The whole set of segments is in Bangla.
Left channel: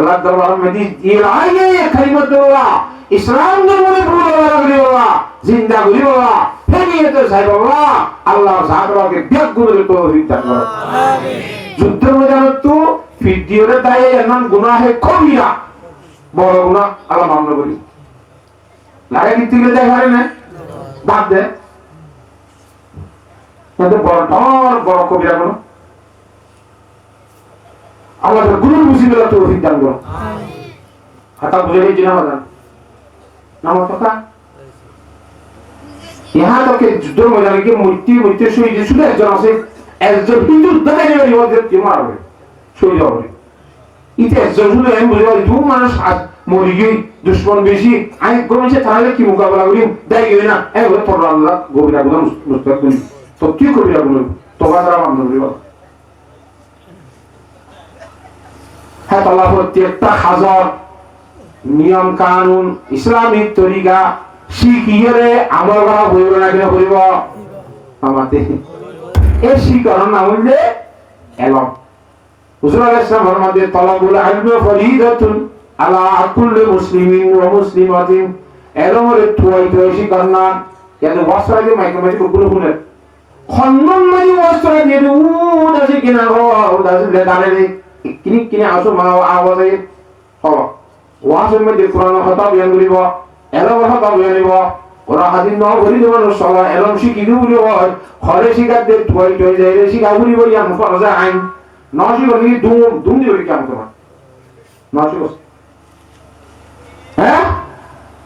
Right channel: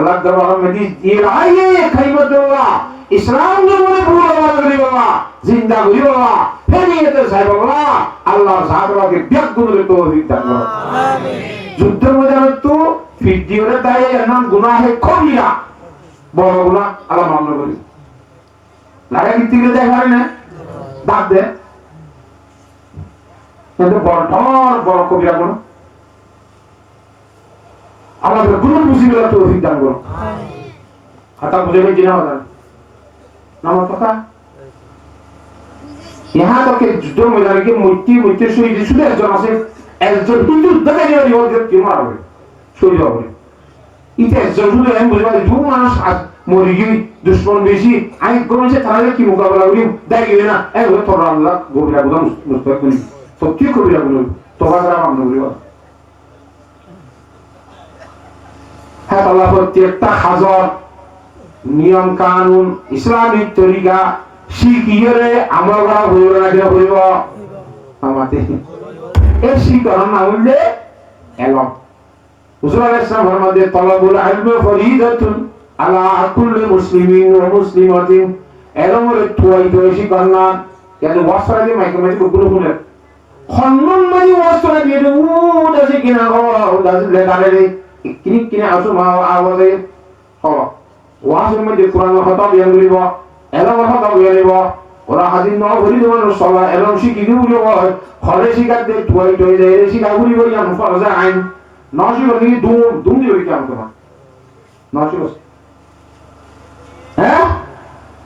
আল্লাহ দরবার মধ্যে ইরায়ে কালিমাতুল্লাহ ইসলাম জমনে ভুল করি বাবা জিন্দা করি বাবা ফেরিয়েতে চাই বাবা আল্লাহ সাহাবাকে ব্যাগুরে তৌফিক দান করো আমিন যুদ্ধের ময়দানে তো ভিডিওরে তাই এর নাম গুনাহে কবিরা বড় গুনাহ আল্লাহ মাফ করি লাগে কি তিলে দেখারে না বাদ দে কিন্তু বড় কবিরা গুনাহ আল্লাহ গুনাহ মুসিবত তৌফিক দান করো আমিন কথা বুঝে নিয়ে জিনা হবে নাম কথা यहाँ तक के जुद्ध मैदान के मूर्ति शहीद শুধু একজন আছে একজন কিন্তু যুদ্ধকারী হয়ে যে মারবে শহীদ হবে ইতে একজন শুধু এমন বুঝাই দু মানুষ মরে গিয়ে দুশমন বেশি আই গমেছে তাহলে কি মোকাবেলা করি দাই গেলে না এগুলো তোর আল্লাহ গভীরা গুলো মুস্তাকিল তো কি কবিরা গুলো তোবা দ্বারা মামলা দিব হ্যাঁ আল্লাহ প্রত্যেকটা হাজার নিয়ম কানুন ইসলামিক তরিকা শিখিয়ে আমার বাবা বলবো না কেন বলব আমাদের এই শিকার না হলে এলম হুজুর ইসলাম ফরমাতে তলাবুল ইলমি ফরিদাতুন আলা কুল্লি মুসলিমিন ওয়া মুসলিমাতিন এরমরে তুই শিকার না কেন ওয়াসরাকে মাইক্রোমেট গুলো গুলো খন্নন মানে ওয়াসরা দিয়ে দাসি কিনা ও দাসি লেদারে কিনি আসো মা আওয়াজে হলো ওয়াসের মধ্যে কোরআন কথা বয়ান করিব এলম কথা বয়ান করিব ওরা হাদিস নাও বলি দেবন সলা এলম শিখি দিবলি হয় খরে শিখাতে তুই যায় শিখা বলি বলি আম ফরজা আইন নশি বলি দুম দিবি কেমন তোমার নশি বস হ্যাঁ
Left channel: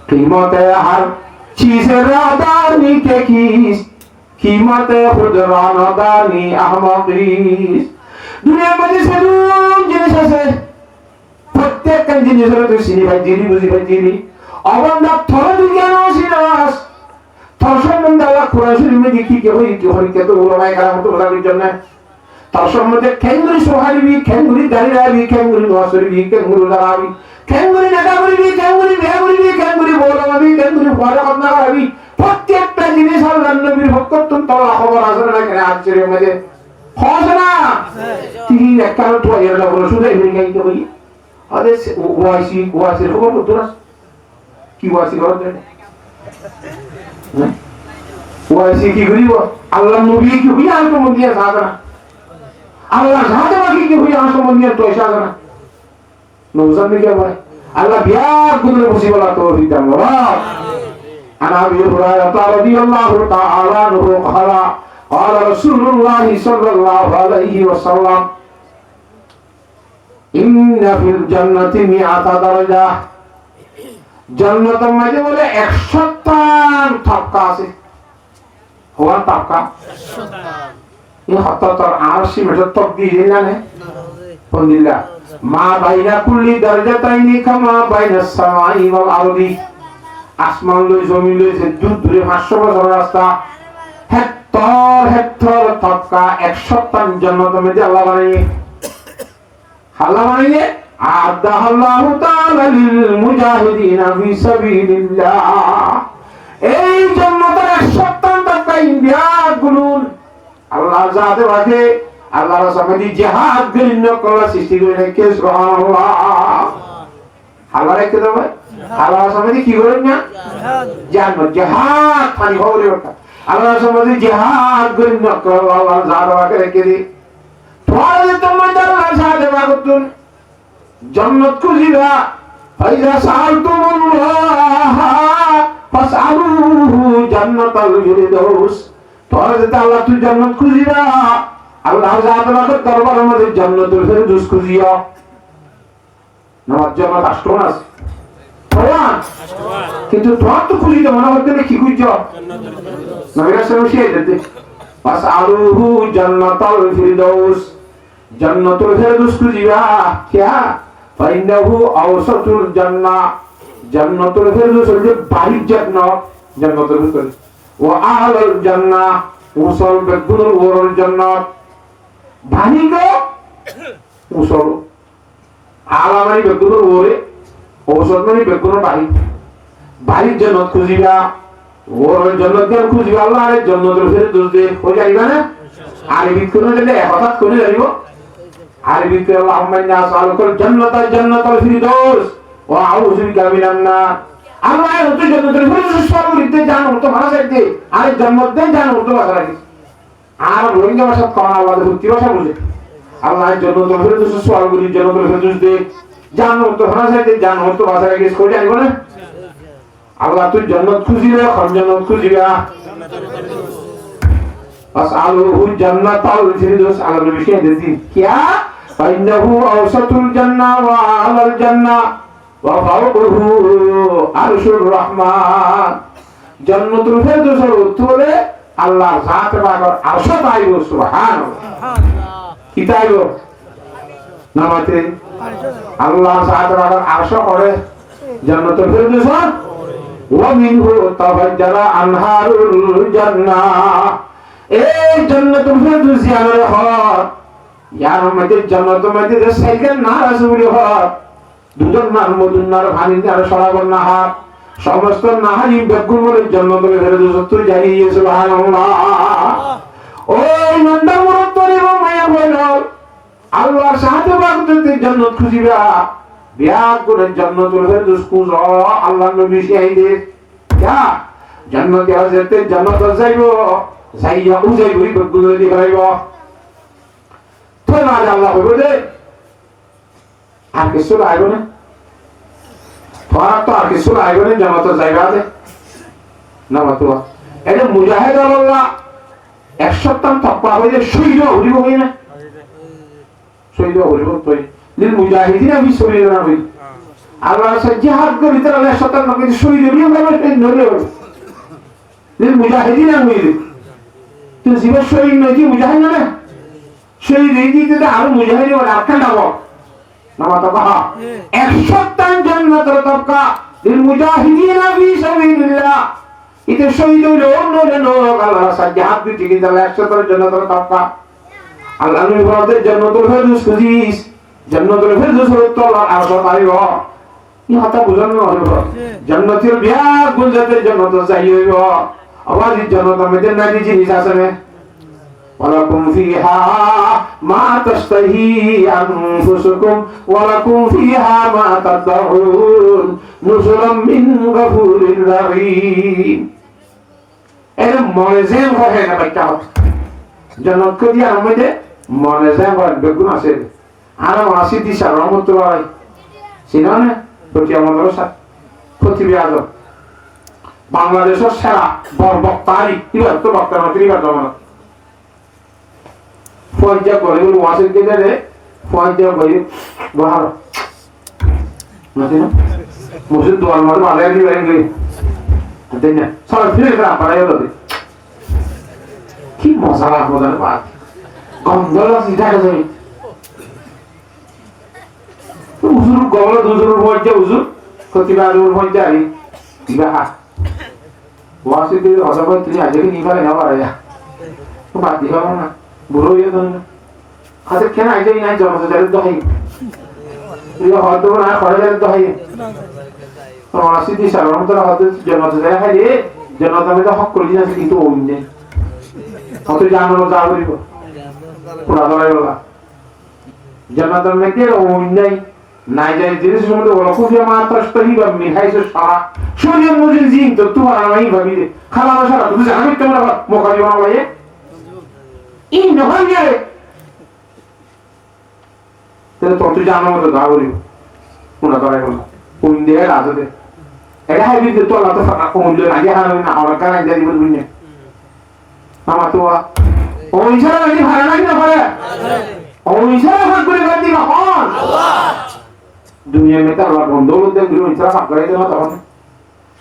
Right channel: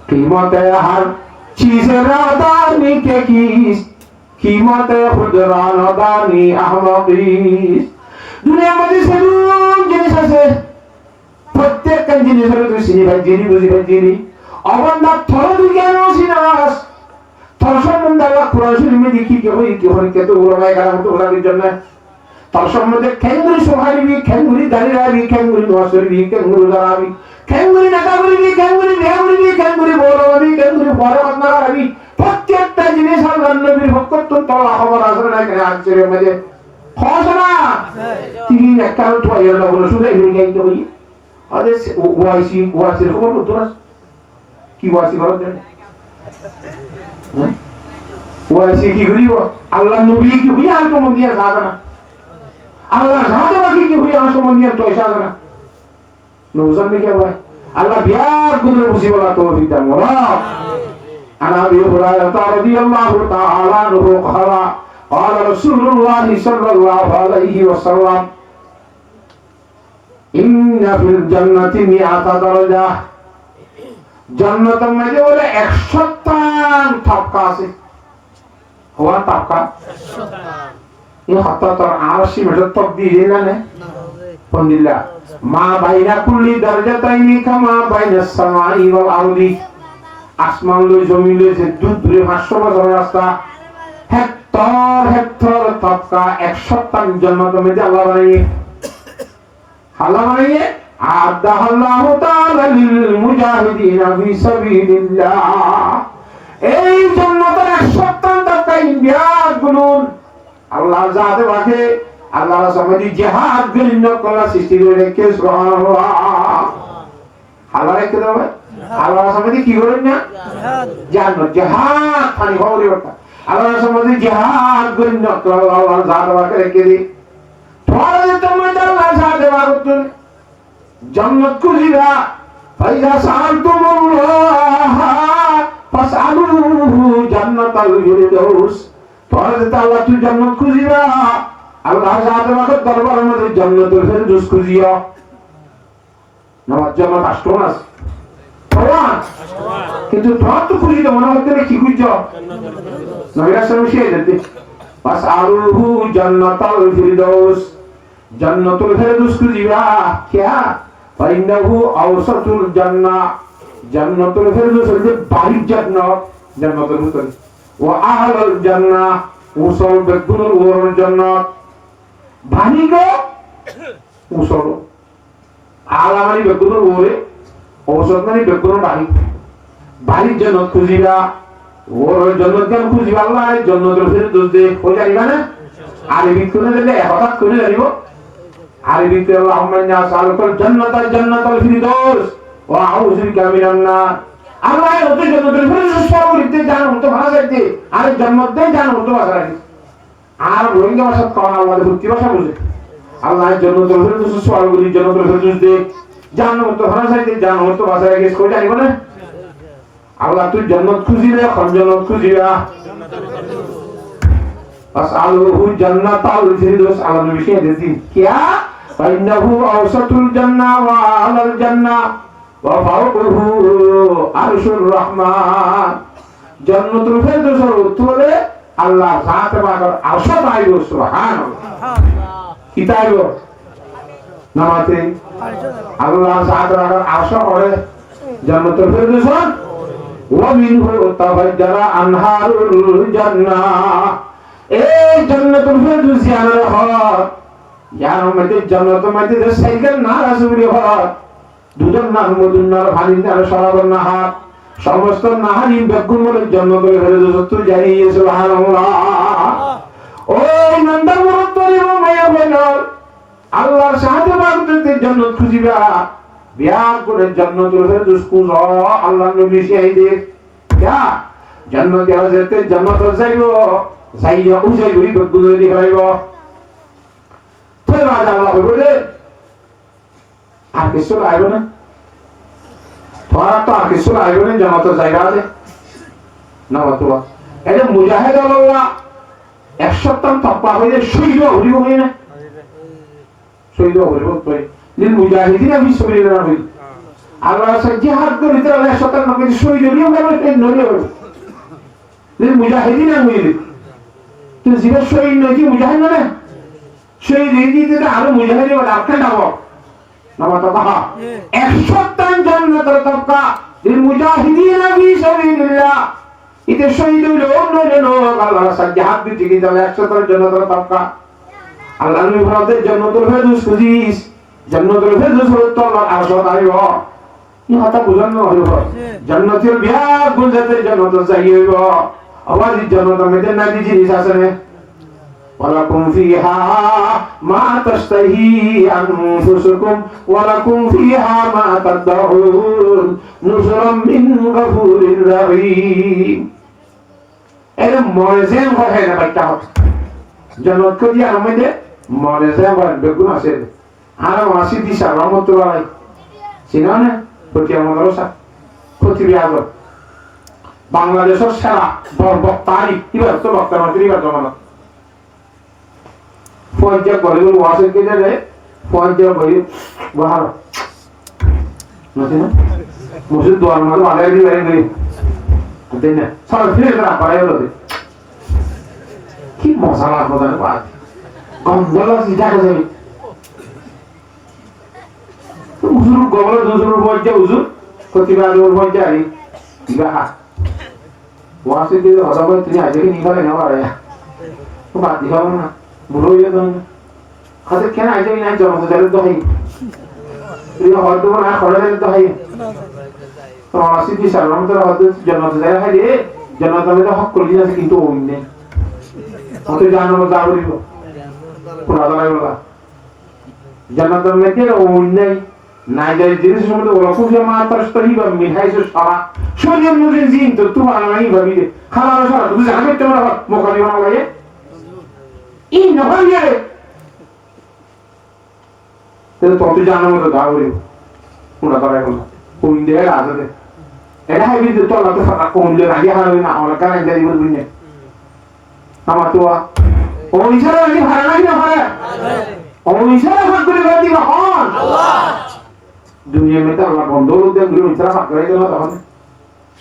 कीमत हर चीज रादानी के कीस कीमत खुद रादानी अहमदीस दुनिया में सब जिनिस আছে প্রত্যেক জিনিসের তো সিনি ভাই জিনি বুঝি ভাই জিনি অবন্দা থর দুনিয়া সিনাস থর সম্বন্ধে আল্লাহ কোরআন শরীফে দেখি কে হই কি হই কে তো ওলামায়ে কেরাম তো ওলার জন্য তার সম্বন্ধে খেঙ্গুরি সোহারিবি খেঙ্গুরি দাঁড়িয়ে খেঙ্গুরি নসরিবি খেঙ্গুরি দাঁড়াবি খেঙ্গুরি নেতাগুরি খেঙ্গুরি বিয়াগুরি খেঙ্গুরি বড়বাবি খেঙ্গুরি ফরাত না করবি প্রত্যেকটা জিনিস আল্লাহর নবীর হকতন তোলা খবর আছে না কেন আশ্চর্যের মধ্যে খোঁজনা তিনি একখানা তো আল্লাহ বলে শুধু এই গাই তো বলি আরে ওয়াইসি খবর করতো না কি ওয়াইসি খবর দেন ওয়াইসি কি করিব আল্লাহর নবী কি হই আর কোন দিয়া সাধনা আল্লাহ জানতে বাকি কি হই আমার সম্বন্ধে তো ইশারা না নওজান নে কি ভাই আল্লাহ বিয়ার গুলো মুসিবত তো দিতা মোরা আনা বি হুরায়রা রাদিয়াল্লাহু তাআলা আনহু ক্বালা قال رسول الله صلى الله عليه وسلم ان في الجنه 100 درجه জান্নাতের মধ্যে বলে 100 তবকা আছে হওয়া তবকা 100 ये हत्तर आरशी में तो तब दी है ना ने अलहमदुलिल्लाह मा बाइना कुल्ली दरजताइनी कमा बाइना समाई वल आरदी आसमान लो जमीन लो से दूर दूर 500 বছর রাস্তা হেক্টর তবকা 100 জান্নাত में আল্লাহ বানিয়ে আদাল্লাহু তাআলা লিল মুজাহিদিনা ফি সাবিলিল্লাহ এই জান্নাতের 100 তবকা ইন্ডিয়া গুলো আল্লাহ জাতে রাখে আল্লাহ রাসূলের জিহাদ গরিন কলা সৃষ্টি করে রেখে সুবহানাল্লাহ আল্লাহ রেখে দেবে আল্লাহ রাসূলের কি করেন না জিহাদ পানি হবে ওটা আল্লাহ রাসূলের জিহাদ গরিন কলা আল্লাহ জাতে রাখে রেখে দি তোর তোমার আল্লাহ জাতে রাখুন জান্নাত খুঁজিবা ফাইজা সাআলতুমুল্লাহ ফাসআলুহু জান্নাতাল ফিরদাউস তোরা যেটা আল্লাহ তুই জান্নাত খুঁজিবা আল্লাহ জান্নাতের দরবারের মধ্যে জান্নাতুল ফিরদাউস খুঁজিও নামাজ জান্নাত আষ্টমাস কিন্তু তোরা তো খুঁজিতে মনে হচ্ছে কি খুঁজছো নবীর সামনে শিয়ে দিতে ফাসআলুহু জান্নাতাল ফিরদাউস জান্নাতুল ফিরদাউস খুঁজিবা क्या ফাইন্নাহু আওসাতুল জান্নাহ জান্নাতুল ফিরদাউস হচ্ছে বাড়ির জান্নাত জান্নাতুল ফিরদাউস ও আহলুল জান্নাহ উসল বেগুনুল ওরল জান্নাত বানিগো উসল আলামানি বেগুনুল ওরে ঔষধ মানে বেগুনুল বাড়ির জান্নাত খুঁজিবা ওরল জান্নাত কেন খুঁজিবা আল্লাহ জান্নাতুল ফিরদাউস দে হয়ে যাইবা না আর ভিতরে দিলে হঠাৎ করে যাইবো আরবিতে আল্লাহুম্মা ইন্নী আসআলুকাল জান্নাতাল ফিরদাউস ওয়া আউযু বিকা মিনান নার। আল্লাহ তুই জান্নাতুল ফিরদাউস সর্বরিতে জানো তো ভাষাইতে আর জান্নাত দেন জানো তো ভাষাইতে আর রোহিঙ্গা ভাষা কোন আল্লাহর ভক্তি ভাষা বলে আল্লাহ জান্নাতুল ফিরদাউস সর্বরিতে জান্নাতুল ফিরদাউস দে জানো তো ভাষাইতে জানো তো ভাষায় গেস করে জানিব না। আল্লাহ তুই জান্নাত খুঁজিলে কোন জান্নাত খুঁজিবা আসআলুহু জান্নাতাল ফিরদাউস আলা নবী শেদি কিয়া ফাইন্নাহু আওসাতুল জান্নাহ ওয়া আলাল জান্নাহ ওয়া ফাওকুহু আরশুর রহমান। জান্নাতুল ফিরদাউসের উত্তরে আল্লাহ জাত পাকের আরশ তাইব সুবহানাল্লাহ কি তাইব নামাতে আল্লাহ জাত পাকের আরশ করে জান্নাতুল ফিরদাউস ওয়া মিনহু তাফাজ্জারা আনহারুল জান্নাহ। এই জান্নাতুল ফিরদাউস ইয়ার হর ইয়ার মধ্যে জান্নাতের মধ্যে যে সাইকেল না রাসূলের হর দুজন নার মদুন্নার ভানিনার সরাবর নাহার সমস্ত নাহানি বেগুনের জান্নাতুল ফিরদাউস তুই জানিয়ে সুবহানাল্লাহ। ওই নন্দা মুরতরি মায়া বলল আল্লাহর সাথে বাগদতে জান্নাত খুঁজিবা বিয়া করে জান্নাতুল ফিরদাউস খুঁজো আল্লাহ নবী শাহিদে যা জান্নাতে যেতে জান্নাত যাইবো যাইয়া উজাই হই বেগুনের দিবাইব তো মাঝে আল্লাহ বলে আর কিছু লাগবে না তোরা তো আর কিছু লাগবে না জান্নাতে যাইরা দে না তো এই যে মুজাহিদ আল্লাহ 100 তকবা হইলে শহীদ হইব না শহীদ হইব তুই লিল মুজাহিদিনা ফি সাবিলিল্লাহ আল্লাহ জিহাদ করে ভিতরে 100 নবী শহীদ হইব না এই নবী লিল মুজাহিদিনা হইল তুই জীব শহীদ নই মুজাহিদ না শহীদ দিতে আরো মুজাহিদ আর আটকা দাও না তো কহা 100 জান্নাতের তকবা লিল মুজাহিদিনা ফি সাবিলিল্লাহ ইতে শহীদ হইল নয় আল্লাহ জিহাদ দিতে গেলে 100 জান্নাতের তকবা আল্লাহ নবী বলেন জান্নাতুল ফিরদাউস খুঁজিস জান্নাতুল ফিরদাউসের তলা আরশ পাইব ই কথা বুঝানো না হইব জান্নাতের বিয়া গুলজাতে জান্নাত যাই হইব আবার জান্নাতের মধ্যে নারী জিনিস আছে না ওয়ালাকুম ফিহা মা তাশতাহি আনফুসুকুম ওয়ালাকুম ফিহা মা তাদউন নুজুরাম মিন গফুরির রহিম। এর মজেন হয় না বাচ্চা জান্নাত করি আমাদের মনে যায় বেগুন আছে আর আসি দিশা রহমতুল্লাহ চিনো না প্রতি আমাদের পৃথিবী আজব বাংলাদেশের সেরা বক্তারি কিবার তো বক্তার মাতৃকার জমানো পঞ্চায়েত বলিউড ওয়াসের কেজারে পঞ্চায়েত বলি বাহার মুসিদ দোয়ার মারু আলাই দি বাইরে দেন না সব ফিরে করা পারে বলে কি মশলা বদল বাদ গন্ধলা সিধা করে উজুর গবল দুজুর বইতে উজুর প্রতিবার ওর বইতে আই বিবাহ ওয়াসি কে হযা করে তিনি আজকে নিবারে না পারে তো বাদ দিবা না বুড়ো হয়ে গেল খাতে কেন আইতে না জন্ম তো যাবে তো হই তুই হয়তো না করে যাবে তো হই তো ওয়াসি দি সালাম তো হয়তো জন্ম তো যায় রে জন্ম তো তো হক করে দিয়েছে কিন্তু ওই নেই কত জানো না যাবে দিব পুরা দাঁড়াই বলা জান্নাতের মধ্যে ওই নেই না যায় জিনিস মধ্যে ওরকম যে মাত্র তহিবা মিঠাইছে সারা শরীরের মধ্যে জিন তো তোমার নাই ভাবি খালা সারা তুই জানো তোমার মোকা দিবা লাগে এই নহল যায় তাহলে তো তুই জানো তো দাও বলিব পুরা দাঁড়াই বলা ওই দেয় আজকে এটা হাইবি তো আলাদা ফাঁকা কোন লে আগে হারাবে না আমার কানে যাই বলবি না আমার তো ওই ছাড়া আমি ভাড়া লাগি না ভাড়া ওই ছাড়া ভাগ করে বাদি না হন আল্লাহ দুনিয়া মে তো আল্লাহ বন্ধ করতে গিয়ে ইতরা ভাগ করে দেওয়া তখন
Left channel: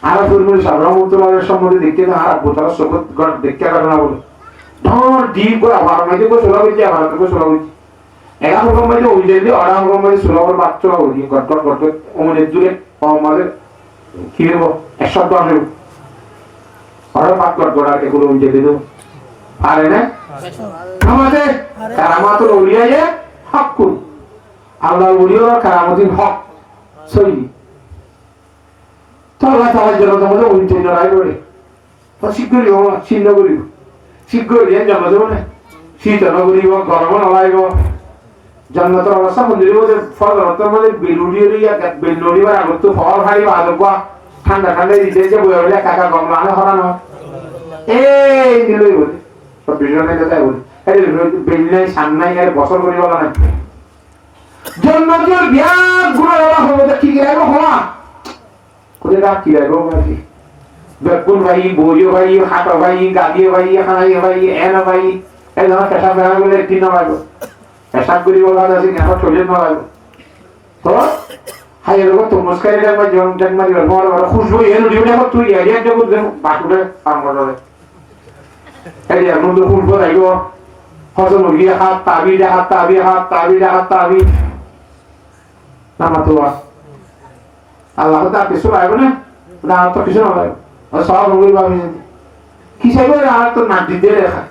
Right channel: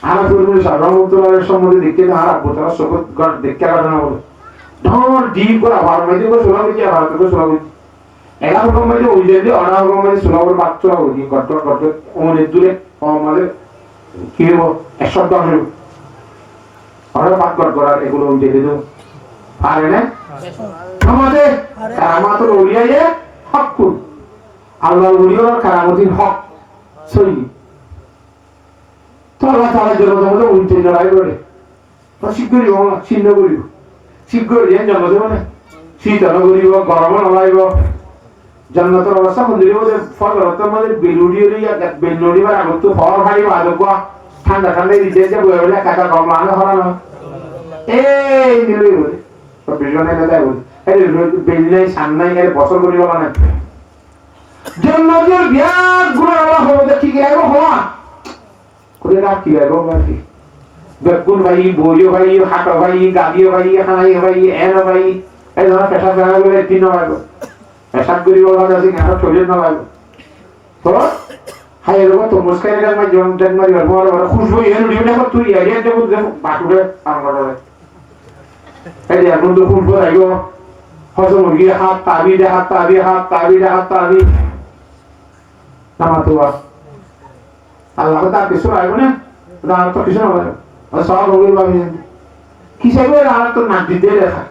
আর পূর্বে সর্বমুক্তভাবে সম্বন্ধে দেখতে না আর বোতল সগত গড় দেখতে পারে না বলে ধর ডিপ করে আবার মেজে কো সুলা হইছে আবার কো সুলা হইছে এরা রকম মেজে ওই যে অর্ডার রকম মেজে সুলা করে বাচ্চা হই গড় গড় ওনে জুড়ে আমাদের কি হবো এক শব্দ আসবে অর্ডার ভাগ গড় গড় এগুলো ওই যে দেব পারে না আমাদের কারামাতুল আউলিয়া হক আল্লাহর ওলিয়ার কারামাতুল হক সহি তো আল্লাহ তাআলার জন্য তোমাদের উল্টে লড়াই করে তো শিগগিরই ও চিহ্ন করিব শিগগিরই জন্ম দেব না শীত না করিব গরম না লাগাইব জান্নাতের অবস্থা মন্দিরের মধ্যে ফজরতের মধ্যে বেলুড়ি বার আগত তো ফল ভারী বাদক ঠান্ডা ঠান্ডা দিতে যে বয়ে বলে কাকা কম মানে হরানো এই নিলই বলে সব বিজনের কথা বলে এই বেললে সামনে গেলে বছর করি বলা না জান্নাতের বিরাট গুণাবলী হবে কি গেলো হওয়া কোথায় রাখ কি গেলো নাকি বেগুন ভাই বইও ভাই হাটো ভাই গাদিও ভাই হানাই ভাই এন ভাই এই ধরনের পেশা বেড়া বলে একটি না লাগবে পেশাব করি বলা আছে কেন চলে না লাগবে তো হাই এরকম তো মুস্কাই দেন ভাই জন দেন মারি বড় বড় খুশবু এনে দিও দেখো তুই এরিয়া দেবো দেখো বাটুরে পান করে এই এমন তো খুশবু আইগো হজম মুরগি হাত তাবি নামা তো আল্লাহ তা কিছু লাগবে না তো কিছু না সব মুরগি ভাবি কিসে করে আর তো না দিতে রেখা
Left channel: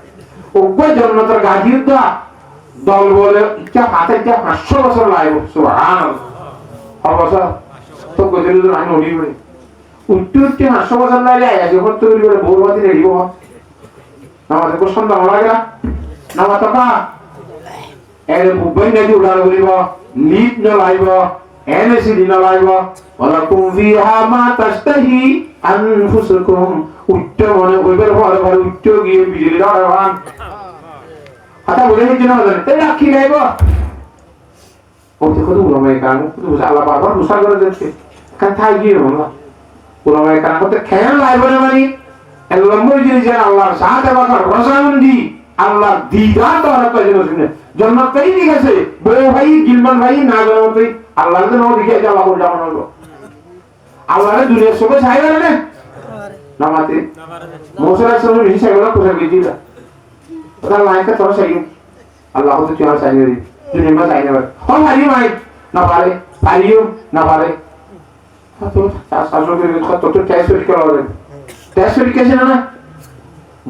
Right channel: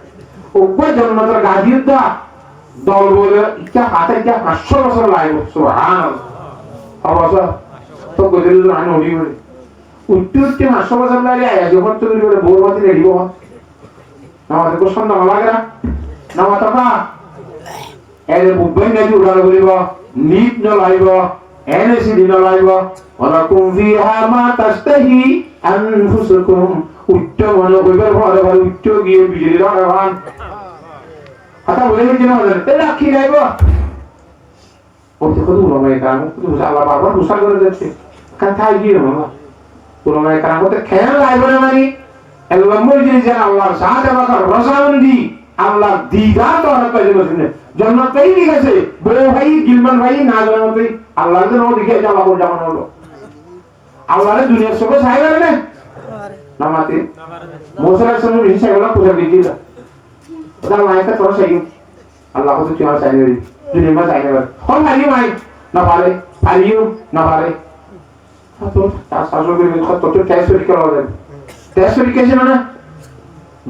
ওকে জন্নতের গাজিও দা দল বলে ইচ্ছা হাতে ইচ্ছা 500 বছর লাগবে সুবহানাল্লাহ অবশ্য তো গজল তো আমি হই বলি উচ্চ 500 বছর লাগে আয়া যখন তুমি বলে বৌবাতি রেডিব আমাদের কোন সন্দেহ লাগে না নামা তো না এর বুবই নাই উড়াল করিব লিড ন লাইব এনএসি দিন লাইব ওয়ালাকুম ফিহা মা তাশতাহি আনফুসুকুম উচ্চ মনে হইবার ঘরে ঘরে উচ্চ গিয়ে বিজলি ধরে ভান কথা বুঝে নিচ্ছি না তে রাখি লাইব ও দেখো তো উলামায়ে কারাম আল্লাহ বারবার মুসার করে দিচ্ছে কথাই গিয়ে বলো উলামায়ে কারাম তো খেয়াল লাইব না মানে আল্লাহ মজিদ জান আল্লাহর সাথে বাকার রসাউন্দি আল্লাহ দিদার দরকার করে বসে জান্নাত পেয়ে গেছে বড় ভাই গিলমান ভাই না জানতে আল্লাহর জন্য দিকে যাওয়া বল জামান হলো আল্লাহর দুনিয়ার সবে চাইবে না নামাতে মোসের সঙ্গে হিসাব করে কোথায় বিদিল ওটা লাইকা তো চাইও আল্লাহ তো কি আমার চাইবে দুনিয়া মা চাইবে হল হারি ভাই না পারে পারিও না পারে তো শাসক তো তো টেস্ট করা হবে টেস্ট পরীক্ষা না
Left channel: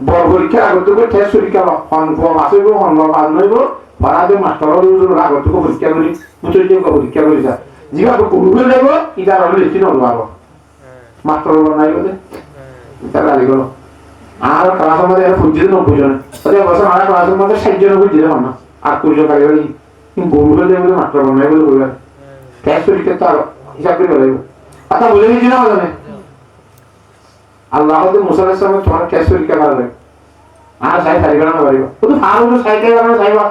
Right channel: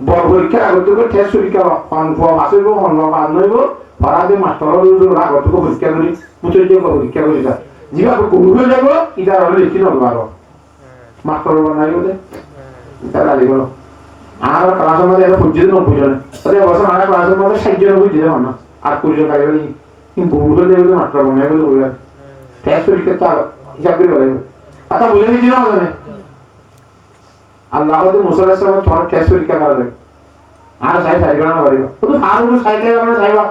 বড় পরীক্ষা আগত করে টেস্ট পরীক্ষা ফর্ম আসিব ফর্ম আনইব পারাদে মাস্টারের উপর আগত করে পরীক্ষা করি পুত্রের পরীক্ষা করি যা জিবা করবে যাব ইদার হলে লিখি নব আর মাস্টার বানাই বলে এটা গালি গলো আর ক্লাসের মধ্যে এটা বুঝিয়ে না বুঝলেন আরে বসে আমার ক্লাসের মধ্যে 60 জন বুঝিয়ে দাও না আর কুড়ি গালি গলি কিন্তু গুরু দেবে মাস্টার বানাই বলে বললেন টেস্ট পরীক্ষা তো হিসাব করে বলে কথা বলে দিই না জানে আল্লাহ আমাদের মুসা আলাইহিস সালাম তোমার টেস্ট পরীক্ষা করাবে আর সাই সাইকেল না পারিব তো ফারুক সাইকেল আমরা যাইবা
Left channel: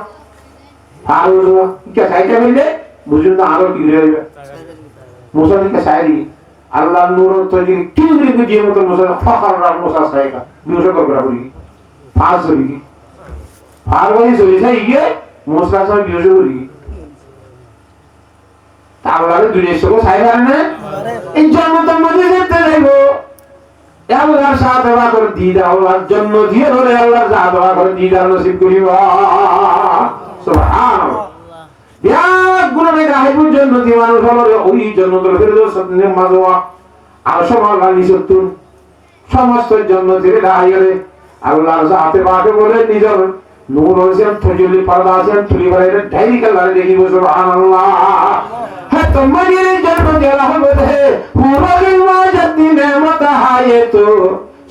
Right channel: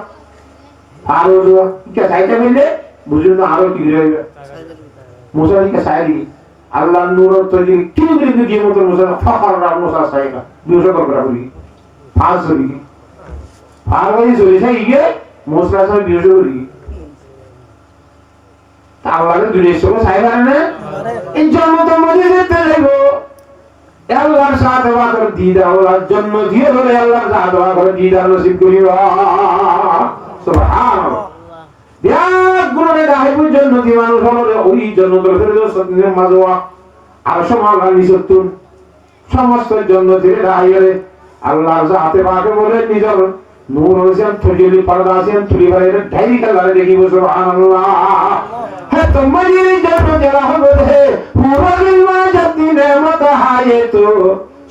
ফারুক কি সাইকেল মিললে বুঝুন না আরো কি দিবে মুসা কি সাইরি আল্লাহ নূর তৈরি কি দিবে দিয়ে মত মুসা ফখর রা মুসা সাইকা বিউজ করবে বলি ফাজ হলি আর ওই জড়ি সাইকে মুসা সাই বিউজ করি আল্লাহর দুনিয়া সব সাইরা না এই জন্য তো মধ্যে যেতে যাইবো আল্লাহর সাথে ওয়া করে দিদা আল্লাহর জন্য দিয়ে ধরে আল্লাহর সাথে ওয়া করে দিদা নসিব করিবা সুবহানাল্লাহ বিরাট গুণে গায়েবের জন্য যে মানুষ হলো ওই জন্য তো ফেরদৌস মাজওয়া আর সমাল নিসতুন সমস্ত জন্য যে গায়েবে আল্লাহর সাথে পাকে বলে নিজের নূর হোসেন ফজলি পর্দা আছেন তুলি বাইরে ঢাই কালারে দেখিব সুবহানাল্লাহ है तुम्हारी जन्म तेरा होते है पूरा जब नेमत है तो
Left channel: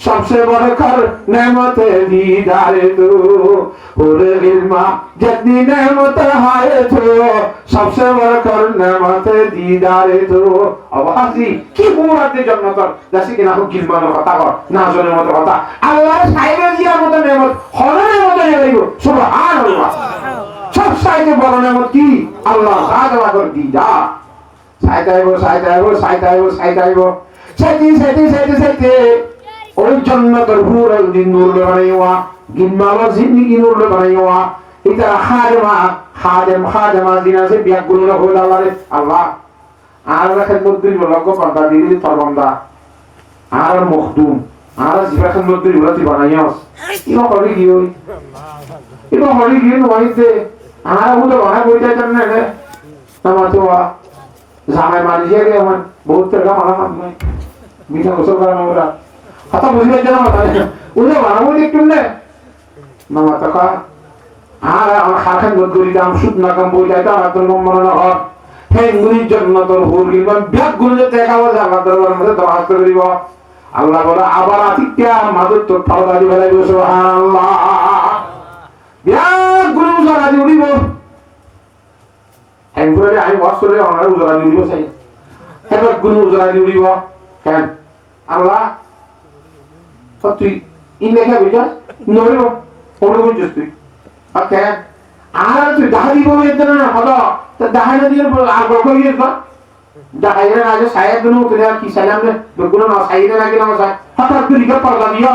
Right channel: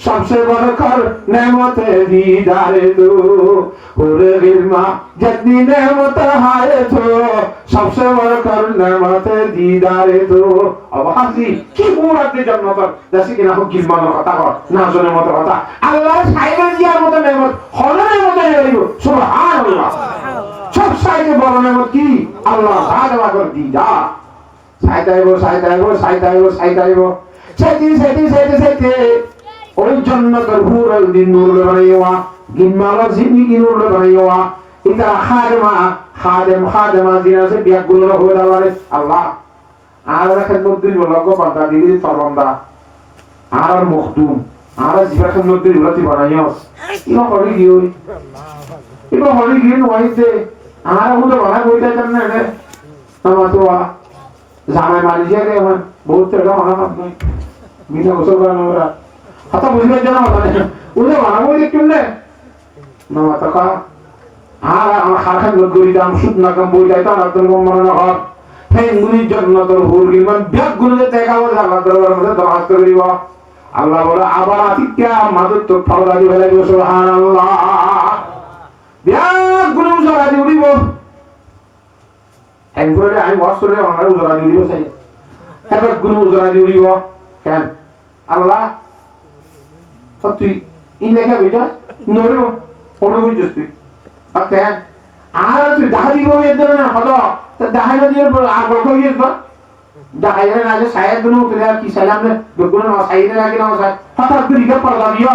सबसे बढ़कर नेमत दीदारे तो पूरे इल्मा जितनी नेमत है तो सबसे बढ़कर नेमत दीदारे तो अब हाजी की पूरा ते जन्नत जैसे कि ना हो गिलमान কথা কর না জনের মত কথা আল্লাহ সাইবে দিয়া মত নেমত হলে নেমত নেইবো সুবহানাল্লাহ সব সাইতে বড় নেমত কি আল্লাহ সাদা করে দি যা সাইতাইবো সাইতে ওই জান্নাতের হুরুল দিন নূর বানাইওয়া গিনমালা জিন্দেগি নূর বানাইওয়া এটা খাদেমা দিনা সে বিয়াগুলো হলো আল্লাহ আর খেদমত দিল লগ পান্তা দিদি ফরমানদা আর মখদুম আর জিবা খেদমত দিল লতি বানাইওস ইনো করি কি হই ইনো হলি কি নইতে আর হুতো বানাই বইতা জানে না তামাতোয়া জামাই মারিয়ে রে আমার বহুত টাকা মারা নাই মিঠা গোসল করা না কথা বুঝবে জানা মাথা ওরে মারবো একটু না মামা টাকা আর আমার খাখান গরি দাম সুদ না কম বই যাইতো আর তোর মনে না হয় হে ইংলিশ জন্য তোর হুল ইমান ব্যাগ গুলো দেখাবো জানা দরবার মধ্যে দরখাস্ত করিব আল্লাহ বলে আবার আতিক্যা মাদুর তোর ফাওলাদি বলাই সুবহানাল্লাহ ব্যাগ গুলো সারা দিব হ্যাংফলে আমি বছরে আমার উজরা দিব চাই এবার গুরু উজরা দিব কেন আল্লাহ সব তুই ইন লেখা বুঝা নইব ওটা বুঝছিস তুই আর কেন আর তুই দাহা দিব এর না হলো তো দাহা না দিয়ে আর গল্প দিয়ে তো দাহা এর আগে সাইড দিন তুই আর কি সালাম নে দুগুলো না সাইড না কি না সাইড হঠাৎ তুই রিপোর্ট পাল্টা দিও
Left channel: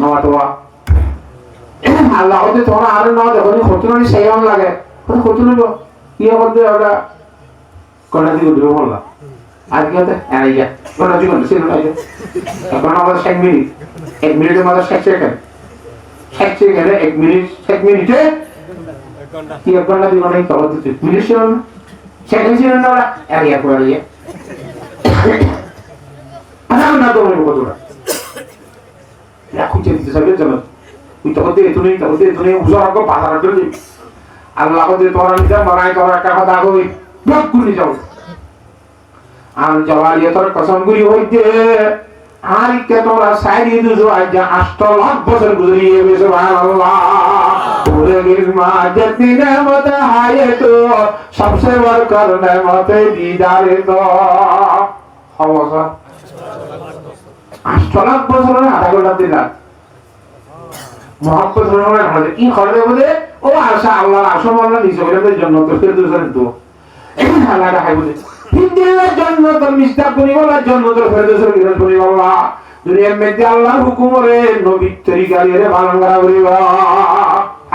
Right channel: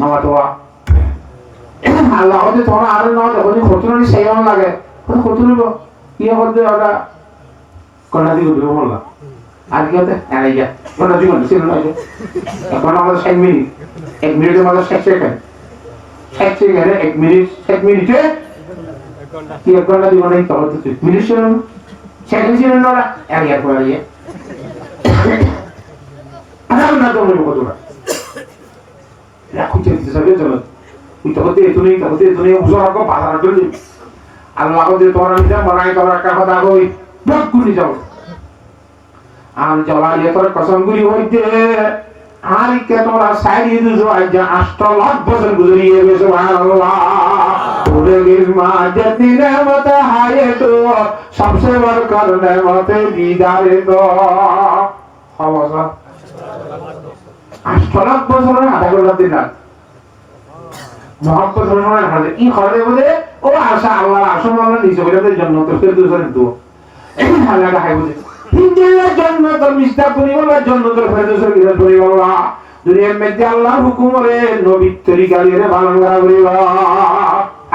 না তো আল্লাহ ওদের তোমার আর না দেখো খতুনি সেইন লাগে খতুনি কি হবে ওটা কোনা দিকে দূরে বললা আর কি হতে আইয়া কোনা দিকে ছিল না এখন আমাদের 1 মিনিটের মধ্যে 60 সেকেন্ড 60 সেকেন্ডে 1 মিনিট 1 মিনিটে কি কোনা দিকে নাই তো হচ্ছে মিনিট ছিল না সেকেন্ড ছিল না আইয়া করে ইয়ে আরে না তো মনে কতটা রাখুতে দিতে সবে চলো তুই তখন থেকে তুমি উজার কো বাজার করে আল্লাহ কো তোরা নিতে মারাই তোরা একটা কথা কই বক গুনি যাও আর জওয়ালিয়া তোর কসম গুলি হইতে আর কে তোরা সাইরি দুজো আজ 8 লাখ বছর গুজরিয়ে গেছে সুবহানাল্লাহ তোরে গিরমা জতি নেমত হায়ে তো সবসে বড় কর নেমতে দিদারে তো হওয়া 8 লাখ বছর আধা ঘন্টা দিলা মহব্বত রহমান হবে কি করে বলে ও আশা আল্লাহর আসমানের নিচে করে জান্নাত ফেরদৌসের তো এই হালাটা হয় বলে হিন্দির জান্নাত মিস্তা পরিবারের জান্নাত ফেরদৌসের বিরাট পরিবার দুনিয়ার মধ্যে আল্লাহর হুকুমে নবীর তরিকারে ভালঙ্গা করিবা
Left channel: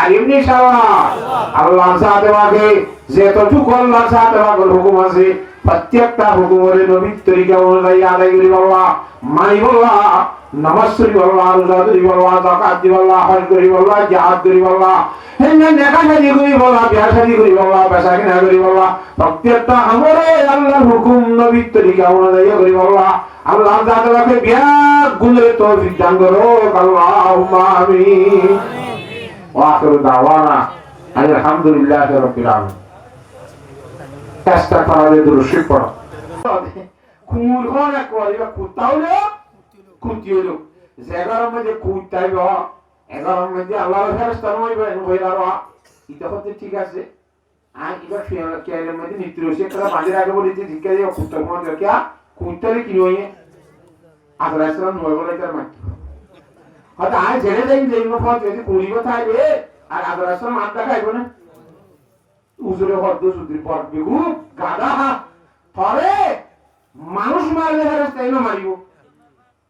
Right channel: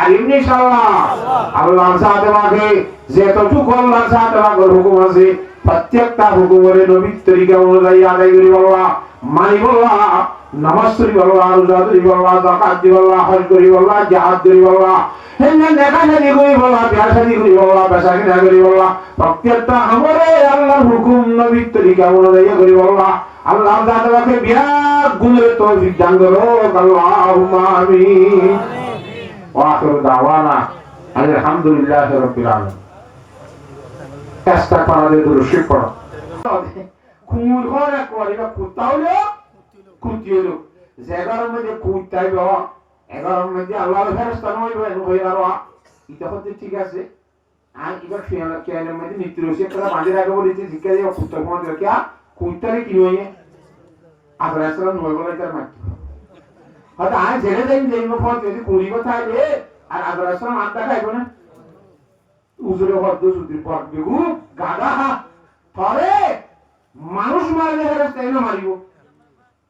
আলিম ইনশাআল্লাহ আল্লাহ সাথে মাকে যেতটুকু আল্লাহ সাথে মাকে হুকুম আছে প্রত্যেকটা হুকুমে নবীর তরিকা অনুযায়ী আদায় করিবা মানিব নামাজ পড়ি আল্লাহ রোজা ধরি আল্লাহ যাকাত দি আল্লাহ হজ করি আল্লাহ জিহাদ করি আল্লাহ হেনে নেকা নেকি করি আল্লাহ বিয়া শাদী করি আল্লাহ বেচা কিনা করি আল্লাহ প্রত্যেকটা আমরে আল্লাহর হুকুম নবীর তরিকা অনুযায়ী করি আল্লাহ আল্লাহ যাদেরকে বিয়া গুলে তৌফিক দান করো আল্লাহুম্মা আমিন ওয়া আখিরু দাওয়ানা আলহামদুলিল্লাহি রাব্বিল আলামিন চেষ্টা করালে দুরুশি পড়ো কুমুর হলে করিবা কুতাউলো কুতিলো জায়গার মধ্যে কুতাইব 11 মধ্যে আল্লাহর ফেরেশতা নইব কইরাবা এটা হতে ঠিক আছে আর এবার ফিয়ালা কেয়ালের মধ্যে নিত্রসে করা বাজির আগে বলেছে জিজ্ঞাসা কুত্তা কোন কি কুতারে কি নয় আদরাসরা নইব না তার মাটি হয়তো আজ ছেড়ে দেন যেইব পথ যদি কুড়িব থাকবে আর আদরাসরা মাথা খাইব না উজরে হদ্দ সুদ্রি পথ বেগু গাদা পরে মানুষ মারলে ফেরেশতা এনে মারিব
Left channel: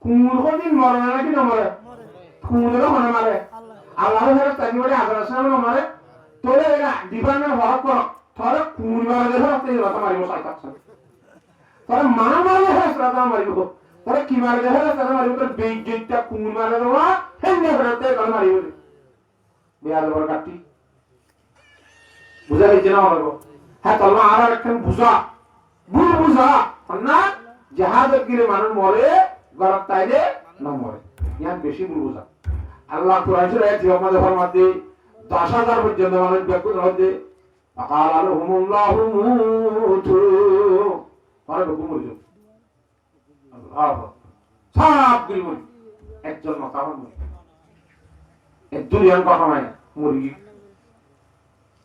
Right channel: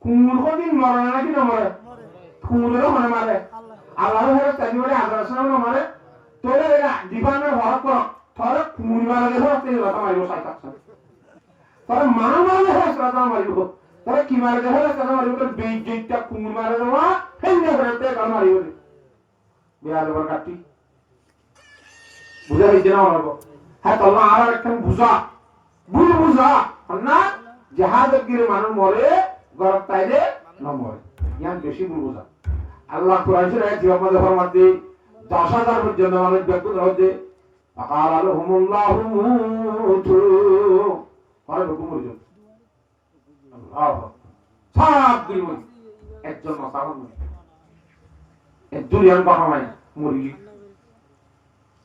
কুমুর কদিন মরে নাকি না মরে কুমুরে মনে মারে আল্লাহর ফেরেশতা কি বলে আদরাসরা না মরে তোরে এরা দিবানের হক কর তোরে কুমুর মারলে ফেরেশতা এনে মারিব সাইতাছে তোরে মানুষ মারলে ফেরেশতা মারিব তোরে কি মারলে ফেরেশতা মারিব তোর বেইজ্জতটা কুমুর মারে দেওয়া হেনে ফেরেশতা মারিব বিয়ার বরকাতি বুঝা হইছে না ওনাকে হ্যাঁ তল্লা আর একটা বুঝা বুঝা না জাহাজের গিরে মানুষ মরে গরত তাইলে না মরে জ্ঞান বেশি বুঝা আল্লাহ কোরআন সূরা জিওমাদের ফরমাতে 10000 পর্যন্ত মানুষ বেকুল হতে আকাল আলহুমুল্লাহু মুতু আরে বেকুল হইছে আল্লাহ সব গরিব একজন মাতাম এই দুনিয়ার কথা মানে মুরগি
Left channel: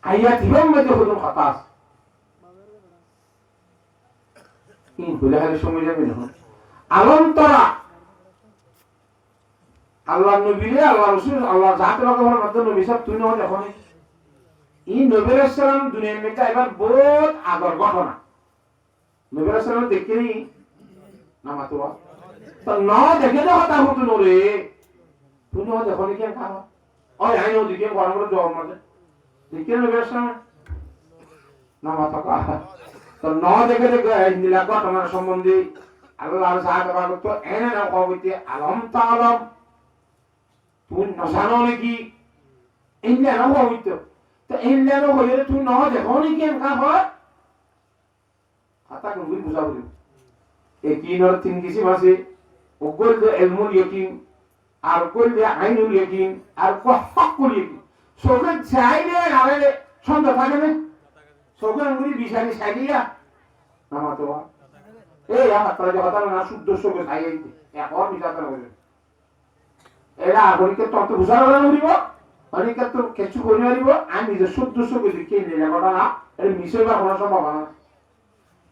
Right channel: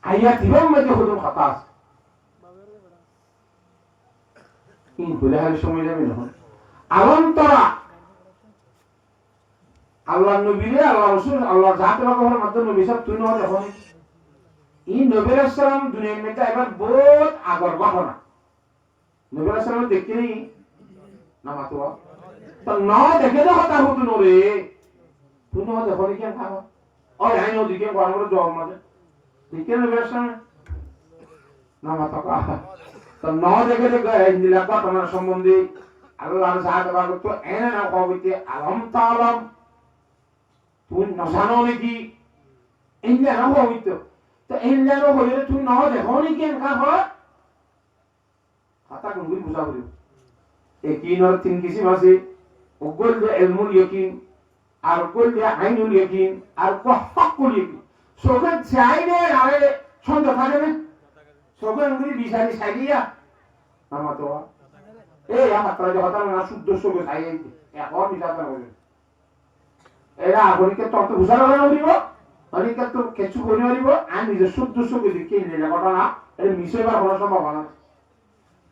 আইয়া দিবেন মধ্যে হুজুর খাতাস কি বলার সময় যাবে না আলম তরা আল্লাহ নবীরে আল্লাহ রাসূল আল্লাহ জাতের কথা মধ্যে নবী সব তুই না দেখো এই নবী রাসূল দুনিয়ার মধ্যে এবার বহুত আগর ঘটনা নবী রাসূল দেখিনি না মাত্র তো না দেখে না কথা হতো নরে তুই না দেখো কি খাও ওই আইনো দিকে গরম করে জবাব না দেখে নবী রাসূল না মাত্র তো না দেখে নীলা ঘটনার সম্বন্ধে আল্লাহর সাহায্য তো এনে না কইতে আলম তাআলাম তুই না জানো নাকি ইন্ডিয়া না হইতো তো ইন্ডিয়া না হইলে তুই না দেখো নি কেন খাবো কথা কোন বুঝাবো একিনর তিন কিসিম আছে ওগুল যে ইলমুল ইয়াকিন আর কুল যে আইনুল ইয়াকিন আর হাক্কুল ইয়াকিন সোগান চাইলে আরে ছন্দ থাকে না সোগান উনি বিশারি সাইয়া আমাতো এই আমার তলে কথা না শুদ্ধ সবে খাইয়ে এখন বিচার করে এরা আগরিকে তত বুঝার হলো নরিব অনেকে তো কিছু করে মারিব আমি নিজে শুদ্ধ সুখে দেখি নিলে ঘটনা এটা মিশে বা কোনো সম্ভাবনা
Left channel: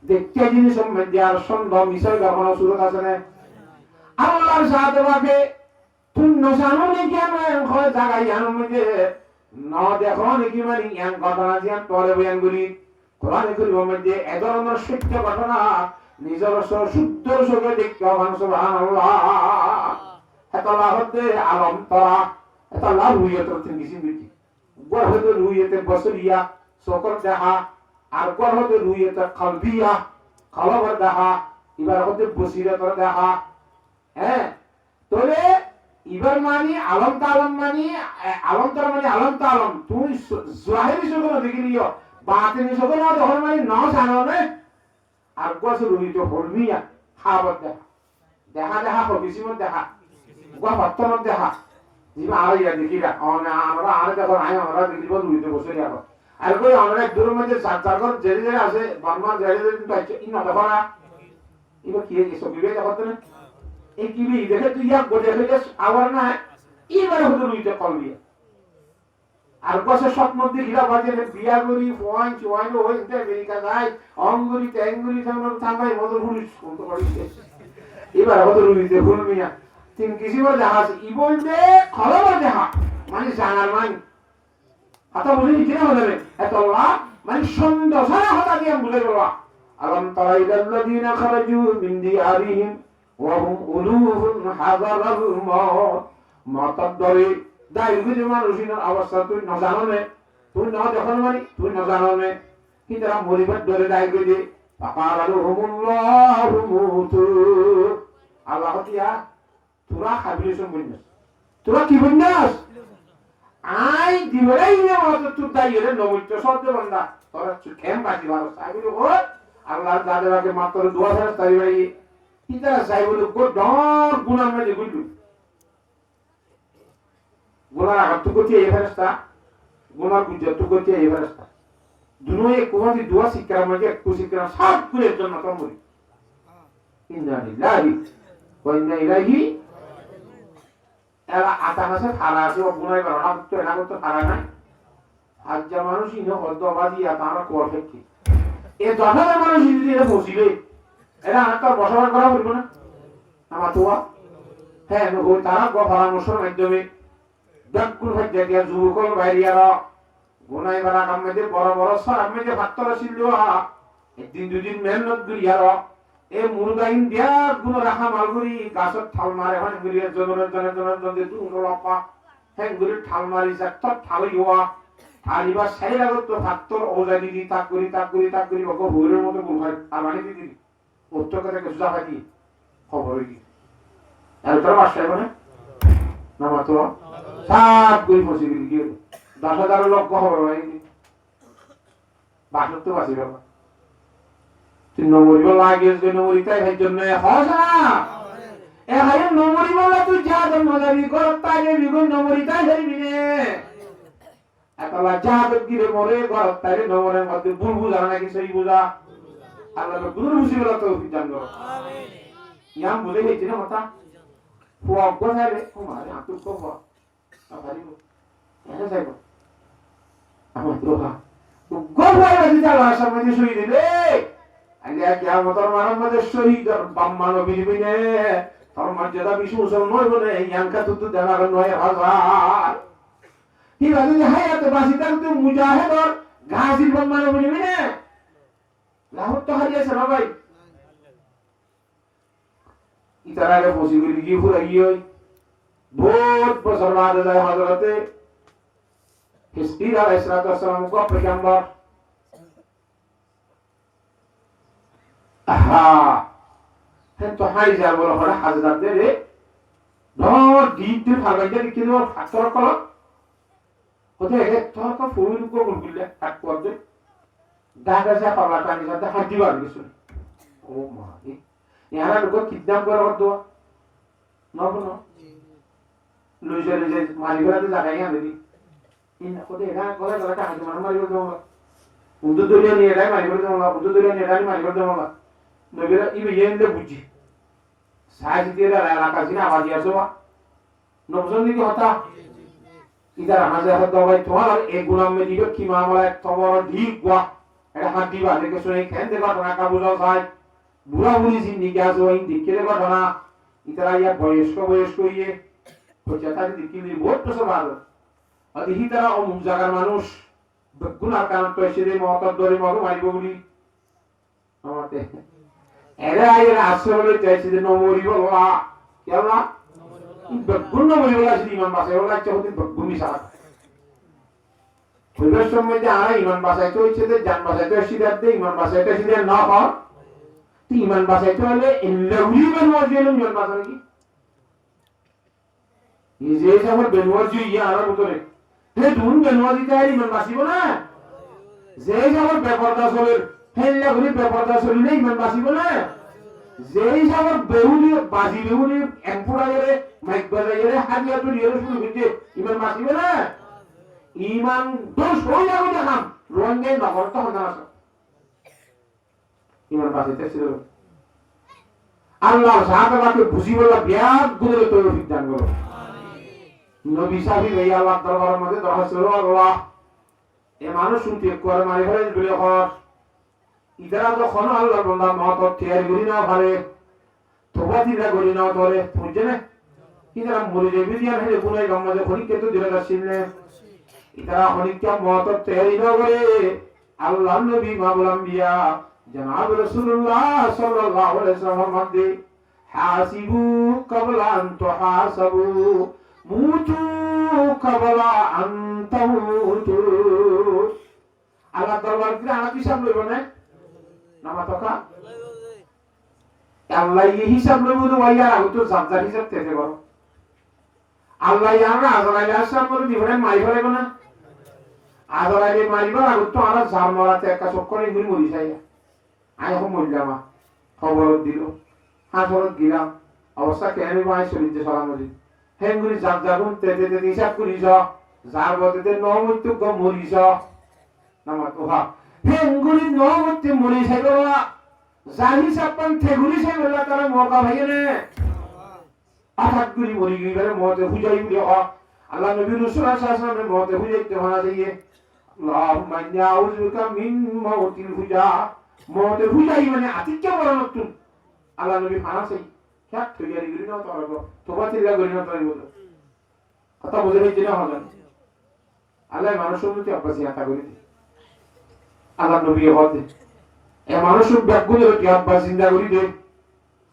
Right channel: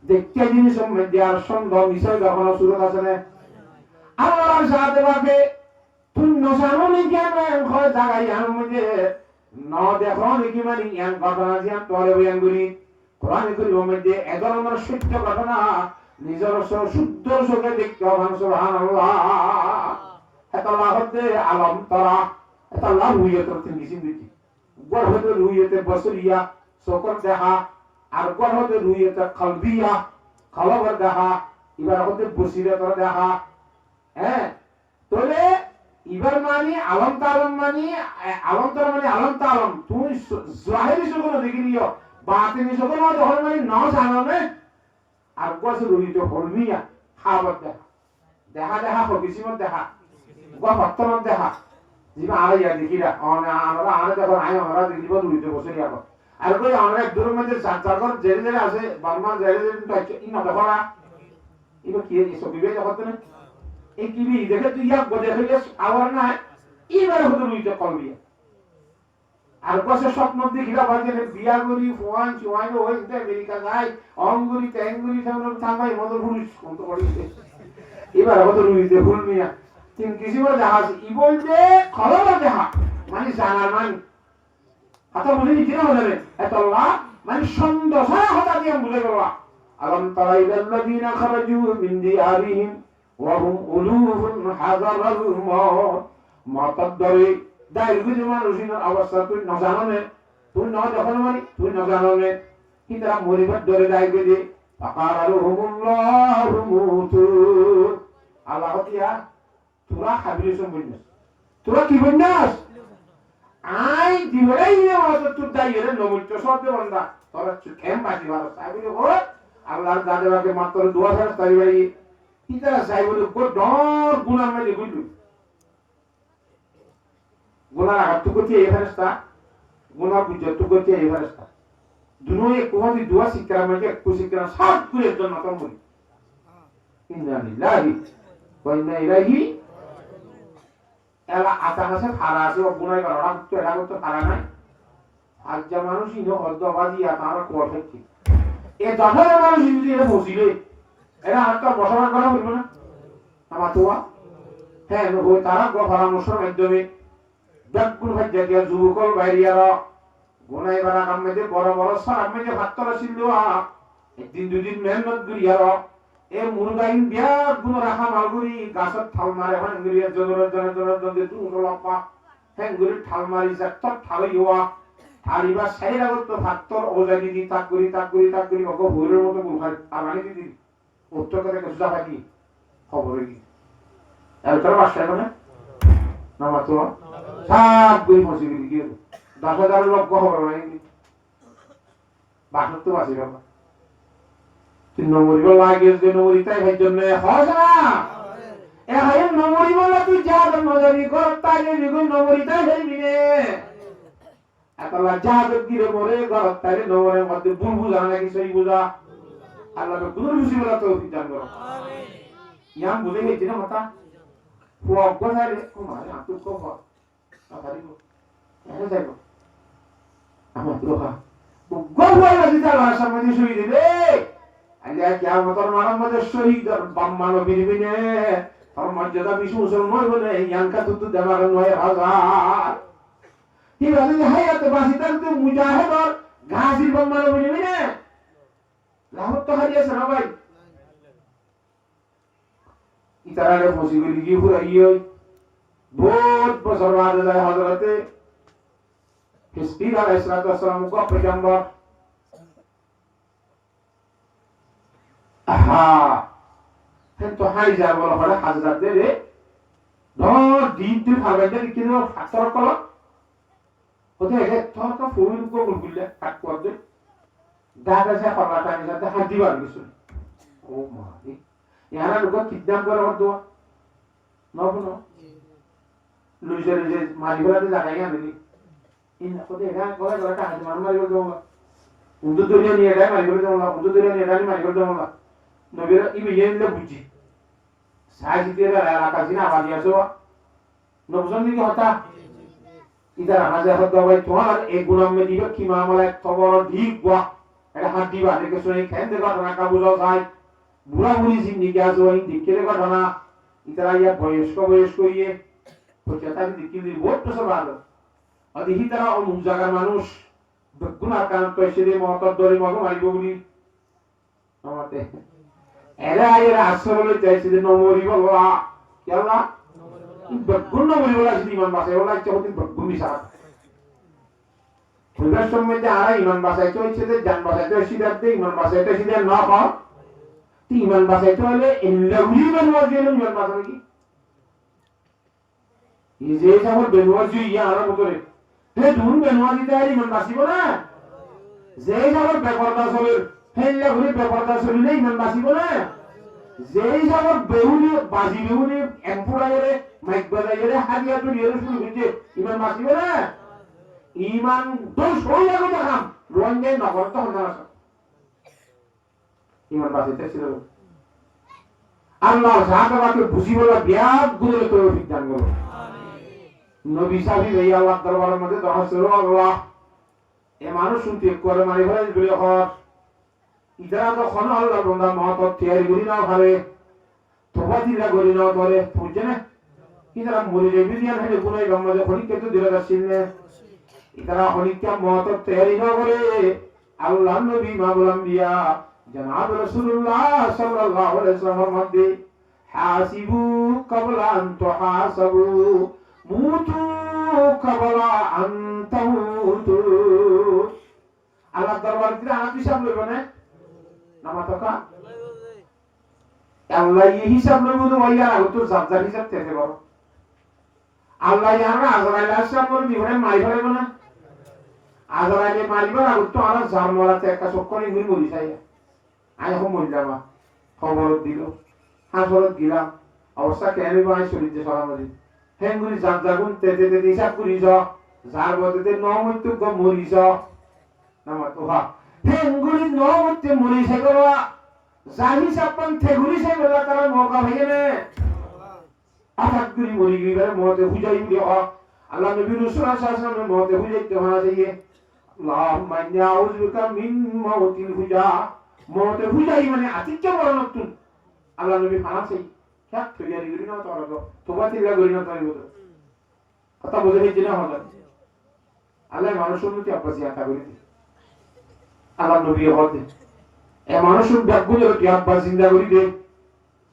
দেখতে জিনিস মধ্যে আর সন্দেহ মিশে কোনো সুরত আছে না আল্লাহর সাথে বাকে তুই নসানো নাকি আমি হয় জায়গায় আনুন মধ্যে ন দেখো নাকি মানে ইয়ান ঘটনা যে আমি তোরে বয়ান করি কোরআনে করিব মধ্যে এ ধরনের সত্য ঘটনা নিজের শুদ্ধ চোখে দেখতে হবে সুবহানাল্লাহ এত লাভ হতে আলম তরা এত লাভ হইয়া তোর তিন কিছু দিতি গড় হতে রুইয়েতে বসরিয়া সকল দেখা আর গড় হতে রুইয়েতে কলবিয়া কলবের দেখা এবার হতে বসিরত দেখা হ্যাঁ তোরে এবার মানে আলম তালম মানে আলম তর মানে আলম তালম তুই জাহিরি সকল দেখিলিও বাতিনি সকল তখন মানে ন জানো না আর গছ রুইত হলমিয়া খাবার দেখা দেখা দেখা হবিসিমত দেখা গফাত্তর দেখা জিমা আলাইয়া দেখিরা আমরা আরে দেখো আই আমরা দেখিব রুইত বসে যাব আর কই আমরা এক দূরের মধ্যে চার চার ঘর জেরে জেরে আছে বারমান জেরে জেরে কিন্তু আছে ইন না দেখা ইবো কি এসব বিবেক করতে না এই কি বি দেখে তুই ইয়া গো দেখে আবার না এবারে হতো রুইত কলবিয়া আর কসে স্বপ্ন দেখিলা বাজে বিয়া করি ফোয়ান চুয়াই ওই আমেরিকা যাই অঙ্গুরি ট্যাঙ্গুরি সঙ্গে থাকাই মতো পুরুষ কোন তো করে এবার হতো রুইতে ফুলমিয়া তিন কিছু জাহাজ ই বলবে খবর দেখা মানে জানার মানে এত মনে কি না বলবে এত লাভ মানে সন্দেহ সারা কথা দিয়ে ভুলে গেল আলম তারা ইলাল্লাযিনা খারাজু মিন দিয়ারিহিম ওয়া হুম উলুহুন হাযারাল মাউত দরে দাইগুজি মানুষিন অবস্থা তুই না জানো নে তুই না দেখো মানে তুই না জানো নে কি তারা মরিবার দরে দাইগুজি ফাকারালহুমুল্লাহু মুতু আল্লাহ দিয়া তোরা খাবিলিস বইনাস তোরা কি বইনাস আই দিবরাই নে মত তুই দাইরে নবুচ্চ শব্দ বান্দা তোরা কেম বাজি বারো সাইবুল হো আল্লাহ দাদাকে মাত্র দোয়া ফেরত তাই ভাই কি তারা সাইবুল কো ডর গুনাহ মে গুইলু গুনাহ আগত করতে এই ফেরেশতা গুনাহ বুঝত করতে এই ফেরেশতা দুনোয়ে কোমদি দোয়া শিকরা মে একটু শিকরা সব করে জন্য কমুই ইন্না লিল্লাহি ওয়া ইন্না ইলাইহি এরা আতাহাসে ফারা আছে গুনাহ করা তো এরা তো ফারা নাই আজ যা মানুষ ইনো হদ্দ বাজি আতারা কোয়া ফেকি এ দফা মানুষ যদি এরা বসিবে এরা আত্মা বসবাস করা হইব না আমার তোয়া হ্যাঁ ও তারা গফারামসর মাধ্যমে ডাকুল হজ্জা দিয়া যুবকল বাইরিয়ারা গুনাহ বানা কামে বড় বড় সার আমি যে ভাত্তর ছিল একদিন দুদিন মেহনত করিয়ারা এ মুরগাইন দিয়া গুণ রাখা মালগুরি গাছত ঠাল মারে হন গুরিয়া জনের দুনো লাপা হ্যাঁ গুরি ঠাল মারি যাক ঠাল ইওয়া ঠালিবা সেই আগত তো ভাত্তর ওজাদি দি তাক করি ওগো ভোরের মতো গুলখাই আমানি দিদি উত্তর করে কিছু ভাই খবর কি আর তোর বাসায় না না তো সব গই বসে গিয়ে 10,000 লোক খবর নাই বাসত তো বাসি বাবা তুই নমরি বলা গেছ যে নমরি তাই ভাই জন্য হয় না এ ভাই নমরি বলা তুই যা দেন মজারি কর তাই রে গই নমরি তাই যাইবি রে আল্লাহ যা গিরে মরে কর তাই রে নমরের মধ্যে বুলবুল জানা নাকি সেই বুঝা আল্লাহ তো দূর বুঝিবলা তো জান করো আমিন ইয়াম বুঝে গেছি না মাথা ফুয়া কোথায় রে ও মারে আতুক কো আবারিব এনে যাইব আমার দ্রোহা গবাই রাজি তালা সামনে শুই দিলে আইলে কিয়ামতের মানব মধ্যে শহীদ বাম্মানো বিনিবিনে তোর মর্যাদা বিশু মুসল নয় বলে ইয়ানকা তুতু জানার নয় হাজার ঠিক আছে যে হায়াতে বাসিতাম তুই মুজাহিদর গাজী বাম্মানো বিনিবিনে লাহত তো হারিয়েছে না ভাই ইতারারে মুসিবত কি হুরাইয় বহুত বছর বাদ যায় হযরতে হিজর আলাইহিস সালাম কো পয়গম্বর আহা হেন তো হাই যা বলা হলো হযরত রে ধর দিতে ভাগাইতে কিনো ফাতর কল ওতে রে তোর কা ফুল কো গুলগুলা কাট করবে দাদা যা পালাটা নিতে হাত দিবার কিছু ও মা ইয়ারা লোক কিডন্যাপ করা হতো নবনো লুজে মারিবাতে জায়গা নেই ইন কোতে এরা করে গলাটা হাত মারি দেবো উদু দুনিয়া নিয়ে যায় মারি দেবো না উদু দুনিয়া নিয়ে যায় মারি দেবো না নবীরা ইবে ইয়েন্দে বুঝি সাইজ দিয়ে এলাকা জিনা আওয়াজ আসো নবজন কি হতা ইদার হাজার হাত দবাই তোমার এই গুলাম মে দিবে কি মামলা এক খবর ঠিক বা এটা হাত দিবা দেখে শুনে খেন দেবা না কা বুঝাও যায় বুড়া বুড়ি জিন্দিগি আছে ওই দিকে দেবা না ইতারা ইয়া বয়স্ক ইয়ে পঁচাত্তর দিকে বহুত বছর ভালো আদিহি তারা অমুক জায়গার মানুষ গুনার কারণ তো এসে মহতর দরে মগ মারিব বলি আমাতে এরা আসলে বলে চাইছে যে নমরি বলা কেলা গুণ নমরি বলা যদি ইমান বাসায় বলা ইচ্ছা হতে গুণি সারা পরিবেশ সম্বন্ধে আর ইমান বাসায় চলছে যে জান বাসায় তো সিদ্ধার্থ দে ইমান বাসায় তো সিদ্ধার্থ না পাও তুই ইমান বাসায় তো হলে এল্লাউলি বেনওয়াজ দিয়ে ইমান বাসায় কি এই যে আমার বেনওয়াজ ইয়া আর মতরে হে তুমি বেনওয়াজ দিতে আইলি ইমান বাসিব না যে আমার ব্যাপারটা চলে হেল্লা ঘুরে ব্যাপারটা চলিলে ইমান বাসিব না যেই আমার বেহুনি বাজি বেহুনি এম্পুরাইরে মাইক বাজাইরে হারিয়া তো নিয়ে শুরু হইছে ইমান বাসিব না ইমান দোষ হই যাবে দেখাম রঙে নগর তো হনা আছে ইমান বাসিতে ছিল আল্লাহ সাহাবাকে বুঝিবলা ব্যাগ গুলো তৌফিক দান করো নবী সাহেব এই আল্লাহ দরবারের মধ্যে দরখাস্ত করো আল্লাহ এ মানুষ শুনতে করে মারি হয় বলে হর ইদারা যখন আল্লাহ বান্দা মহতব তৈরি করি না পারে তোবা দিলা করি না ধরে বুঝছে না ইদারা মরি রেবি দিয়া হলে গুনাই গম্মদে খনিকে তো দিলা যাচ্ছিল না ইদারা খনিকা মহতব তৈরি না করে আল্লাহ নবী মাবুল আম্বিয়া জনাব রাসূলুল্লাহ সাল্লাল্লাহু আলাইহি ওয়াসাল্লাম মধ্যে হাসিবু ক্বাবলা আন তুহাসাবু মুতু ক্বাবলা আন তামুতু আল্লাহ দরবার দিয়ে আনা হিসাব লইব না নামা তোকা আল্লাহ এই হিসাব লইব তো ভাইয়া তো জাবজার হিসাব তেতে করো আল্লাহ ইয়ারা আজরাইল হিসাব করে দিবেন মারি ফেলবে না আজরাইলে মারিব আর তো আর জার মরাতে একটা চক্করে ঘুরি মরি যায় আই এখন মরলাম খবর দিল হাসর দিলাম অবস্থা কেন ভাই শরীরে সরামরি হেঙ্গুলি জাবজাগুন তেতে তেতে হিসাব করি যার বদতে নমুত্তু গ মরিস নামা তোহা হেঙ্গুলি নমুত্তে মরিস গলা জাহি সাপান থেগুলি সে বেলা তারা মরকা ভাইনে আহাত গুলি মরি গিয়ে মতে হুজাই উড়ে আল্লাহ নবী রাসূল সাল্লাল্লাহু আলাইহি ওয়াসাল্লাম মতে হুজাইতে হনা যাইয়ে আল্লাহুম্মা ইন্নী আউযুবিকা মিন মাউতিল হুজা মতে হুজাই মানে আতিকে বড় নতুন আল্লাহ নবী খানা সেই খেত তৈরি করি না তোবা তিল্লা করি না তাই বলে কথা বুঝে হইছে না হবে আল্লাহ মানুষের প্রতি আব্বাসি আতা করি আল্লাহ নবী হতে এ মানুষের ব্যাগুনের কি আব্বাস চিন্তা করি দে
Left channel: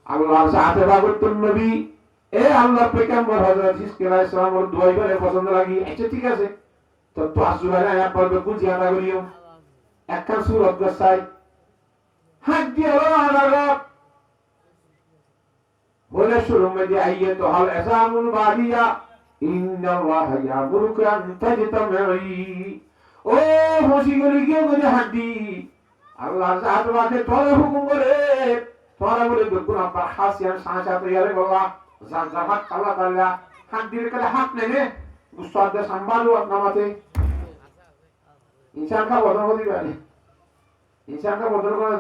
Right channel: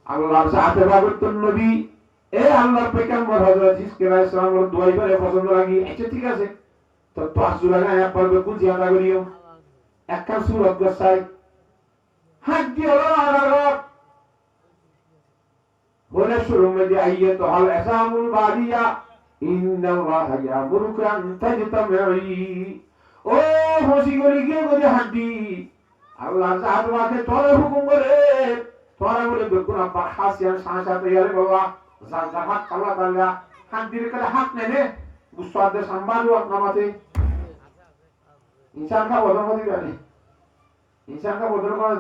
আল্লাহর সাথে বাগতুন নবী এ আল্লাহর পয়গম্বর হযরত ইসকে আলাইহিস সালামের দোয়াই করে পছন্দ লাগি আচ্ছা ঠিক আছে তো পাঁচ জুলাই আয়া পড়বে কোন জিয়াদা করিও একখান সূরা গসাই হাত দিয়ে আল্লাহ বলে শুরু মধ্যে আইয়ে তো হাল আসামুল বাদিয়া ইন্নাল্লাহা ইয়ামুরুকা আন তাজতামিই ও ফসিগরি গিয়ে করে হাঁটি আল্লাহ জাতবাকে তোরে হুকুম করে তোরা বলে বেকুনা বাহাসিয়ার সাঁসাতে ইয়ারে বাবা জামাত কালা কালা হাত দিয়ে করে হাত নেবে গুসাদে সম্ভালু আপনামাতে ইনসান কা বদল দিবানি ইনসান কা বদল করে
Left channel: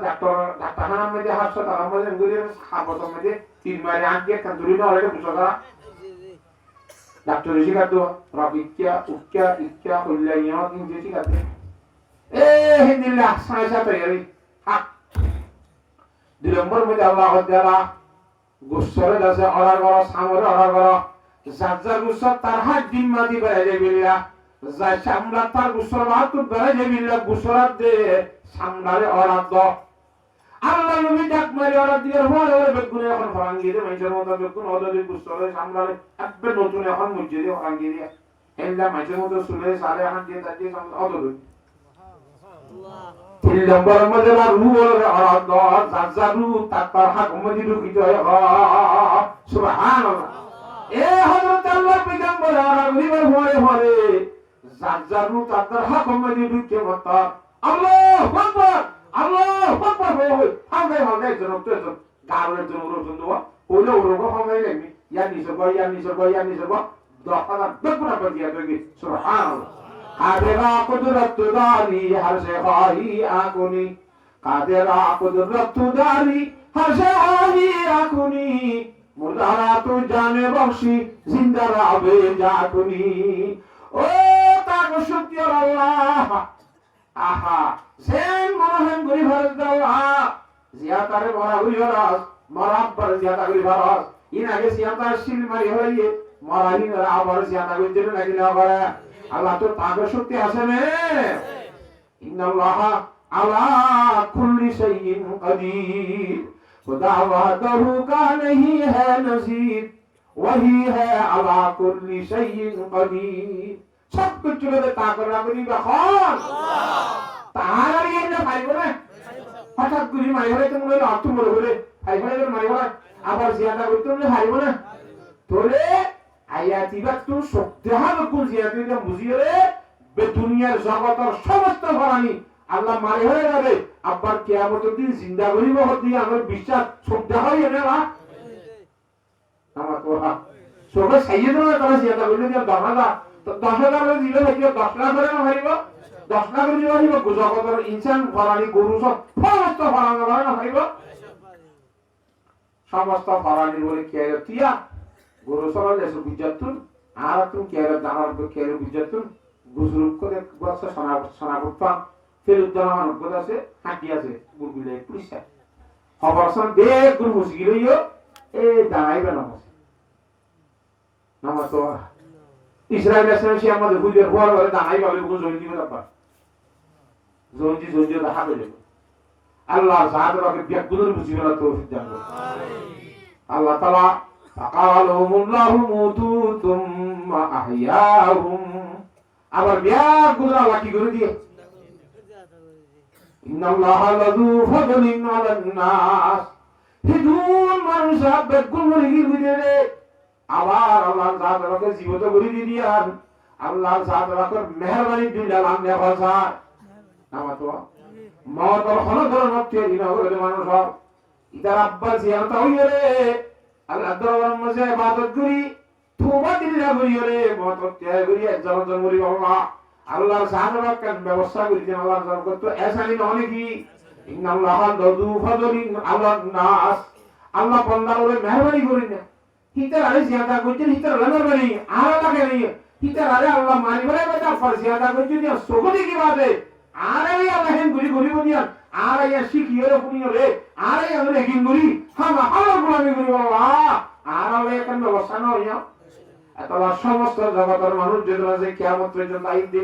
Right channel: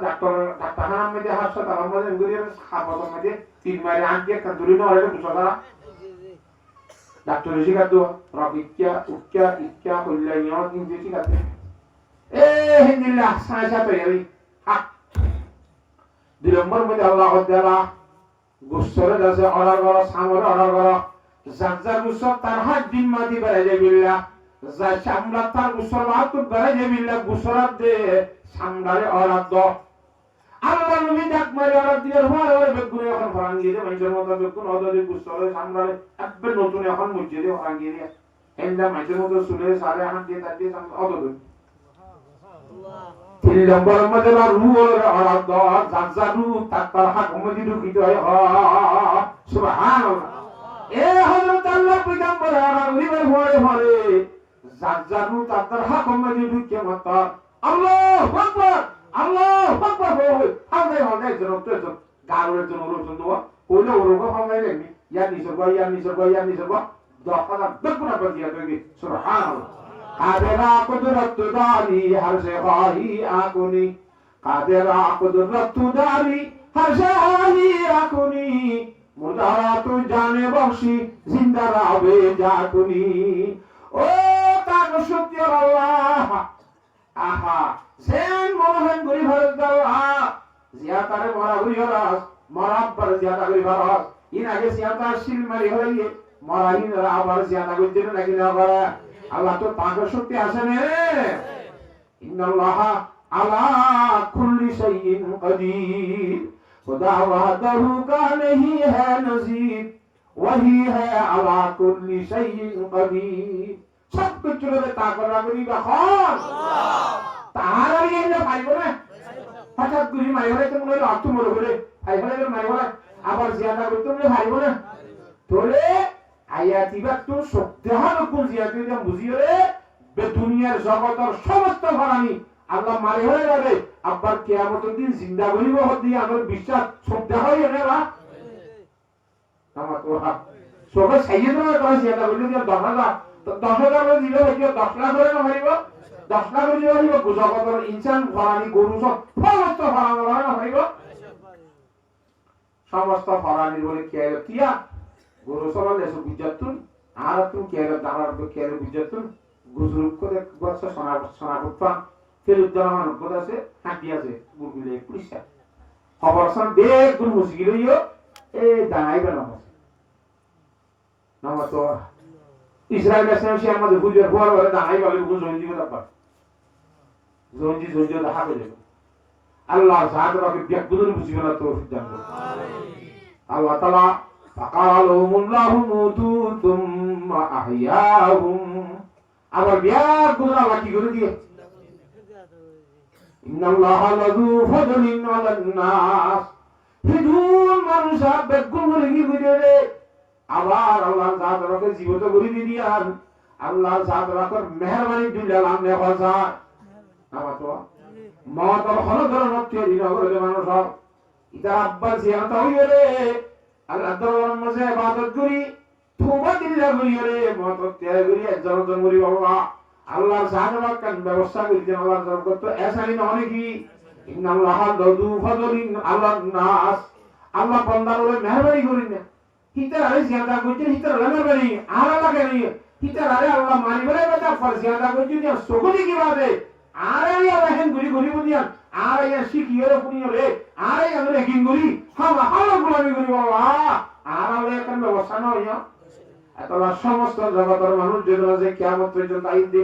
ডাক্তার নাম মধ্যে হাসপাতাল আমাদের গুরিয়ে হাসপাতাল মধ্যে তিন মারে আগে কান্দুরি না হলে বুঝারা ডাক্তার শিখাতো রাবিকিয়া ইক্কা কইলাইয়া কিন্তু শিখাতে এ হিন্দিল্লাহ সাঁসাতে ইয়ারি হাত দুই নম্বর মধ্যে আল্লাহ তাআলা গুসরে দাসে অর্ডার করো সামরে অর্ডার করো জাজ্জার গুসর তার হাত দিম্মা দি বেড়ে যায় বিল্লা যা সামলা তার গুসর হাত বেড়ে যায় বিল্লা গুসরাত দে সামলারে অর্ডার দ আল্লাহ নবী ডাক মারি অর্ডার দিয়ে হওয়ার ওরে বেগুনে এখন ফরাঙ্গি দে মাইজের মতো বেগুন ওদের গুসরে সামলারে একবার নতুন এখন মসজিদে ফরাঙ্গি দিয়ে এন্ডা মাইজের মতো সুলে সারে এখন দিয়ে তাকে সামলা ওদের তিন নম্বর মধ্যে রুল অর্ডার জাজ্জারু তার হাত মধ্যে ঢুকি যায় সুবহানাল্লাহ এ হযরত আল্লাহ পয়গম্বর আরবির পরে জাজ্জারু তার হাত মধ্যে ঢুকি মত আল্লাহু আকবার হয় হামদে জনত তো গারের জন্য রোজন দোয়া ওলো রোগ হামাই লেনি ইয়া নিসব দখালা বেকুনা বদিয়া দেবি সুবহানাল্লাহ কাদেরা কুদরত দারি হরশে খাহি আকুনি কাদেরা কুদরত দারি হরশে খাহি আকুনি মুর্দারা তু জানে বখশি জিন্দা রাবে জাকুনি ও ও তাক শক্তি আল্লাহ আহা সেন মরহেন গরি ভারত আল্লাহ জিয়াতারে মরা হই হরাস মরাব্বার জিয়াতা গরি ভারত ইন আগে জিয়াতা শিল মারি হইয়ে মরাহিন আবার জিয়াতা গরি জন্য নাকি না করে আল্লাহ তো তাক শক্তি আছে নে ইন্নাল্লাহ আলা কুল্লি শাইইন কাদির खुदा वहदहू का नहीं है नजीर वही है अला कुल्ली शैइन कदीर सब कुछ चले ताकत करी का खान तारा ये ना भाई बोले हठात गुरी मारी बोले तुम लोग आतु बोले बोले भाई बोले मारी बोले আবার জিয়াদা করতে তুম ভাই बोले তোরে আয়াতিবা তো সত্যহা কোন জিয়াদা বুঝিয়ে বে দুনিয়ার জগতের সমস্ত ফরানি আল্লাহ মারি হয়ে যাবে আব্বার কিয়ামতের দিন জিন্দা করিব হদি আমার বিশ্বাস সত্য হয় না না আমার তো সবে সাইয়েদ না তবে জিন্দা করিলে 10000 তো 10000 দিলে হইছে 10 লাখ করে না মারিব 10 লাখ দিলে হইব জগতের ইনসান ফরানি গরু সব সমস্ত ফরানি না মারিব সমস্ত ফরানি বলে কিয়া গরু সব লেসু বিজতুন আর তুমি কিয়া দামার কিয়া বিজতুন গুজরুক করে বসে সোনা বুটপা ফেরুদ্দান গদ আছে হাঁটি আছে গুলগুলে পুলিশা খবর সন বেগ গুল মুসগিলিও এ দাঁড়াইবে না নাম তো ইসরায়েল আছে সে আমাদের বুঝে হওয়ার পরে দাঁড়াইবে গুল জয়েন দিবে তারপর জয়েন দেখা পেলে আল্লাহ জাত রকে বেগুনের বুঝিবে না তৌফিক দান করুন আল্লাহ তাআলা ফাকালাহুমুল্লাহু মুতু তুম্মা আহইয়াহুম আবার বিয়ার গুল আল্লাহ কি করে দিয়ে ইন্নাল্লাহা লাযু ফাদলিন আলান নাস হিদুন মানুষ বেগুন লাগি বুঝে আবার আল্লাহ জাত রকে জীবত করে দিয়ান আল্লাহ জাত রকে মেহেরবানি দিলেন আমনে ভাষা আমাতো মাওয়াতর হলদর মধ্যে দিনা করে মানুষ ইতা আব্বা জিয়ারত হইরে আল্লাহ দরবার মধ্যে ইবাদত করি তোবা দিল্লা করিরে মত ত্যাগ করি একজন করি বাবা আল্লাহ জানার কান ব্যবস্থা করে দেন আল্লাহ জানার কত এসানি নয় কি ইন্নাল্লাহা লাযু ফাদলিন আলান নাস আল্লাহ বান্দার উপরে মেহেরবানি করেন হিতার আরে জিয়াদা কইছেন হিতার মেহেরবানি আর লাগে নি হিতার আরে আল্লাহ মানি বলে বেটা ফর জিয়াদা কইছেন সকলি কি বাদে আরে আল্লাহ হেন গুরি গুরি বুনিয়ান আরে শিখিয়ে পুনিয়রে আরে আমরা কিন গুরি হামা আল্লাহ গুলামি করি বাবা আর আল্লাহ কান ব্যবস্থা নয় আল্লাহ সমস্ত জগতের মানুষ যে কিয়ামত পর্যন্ত আইবে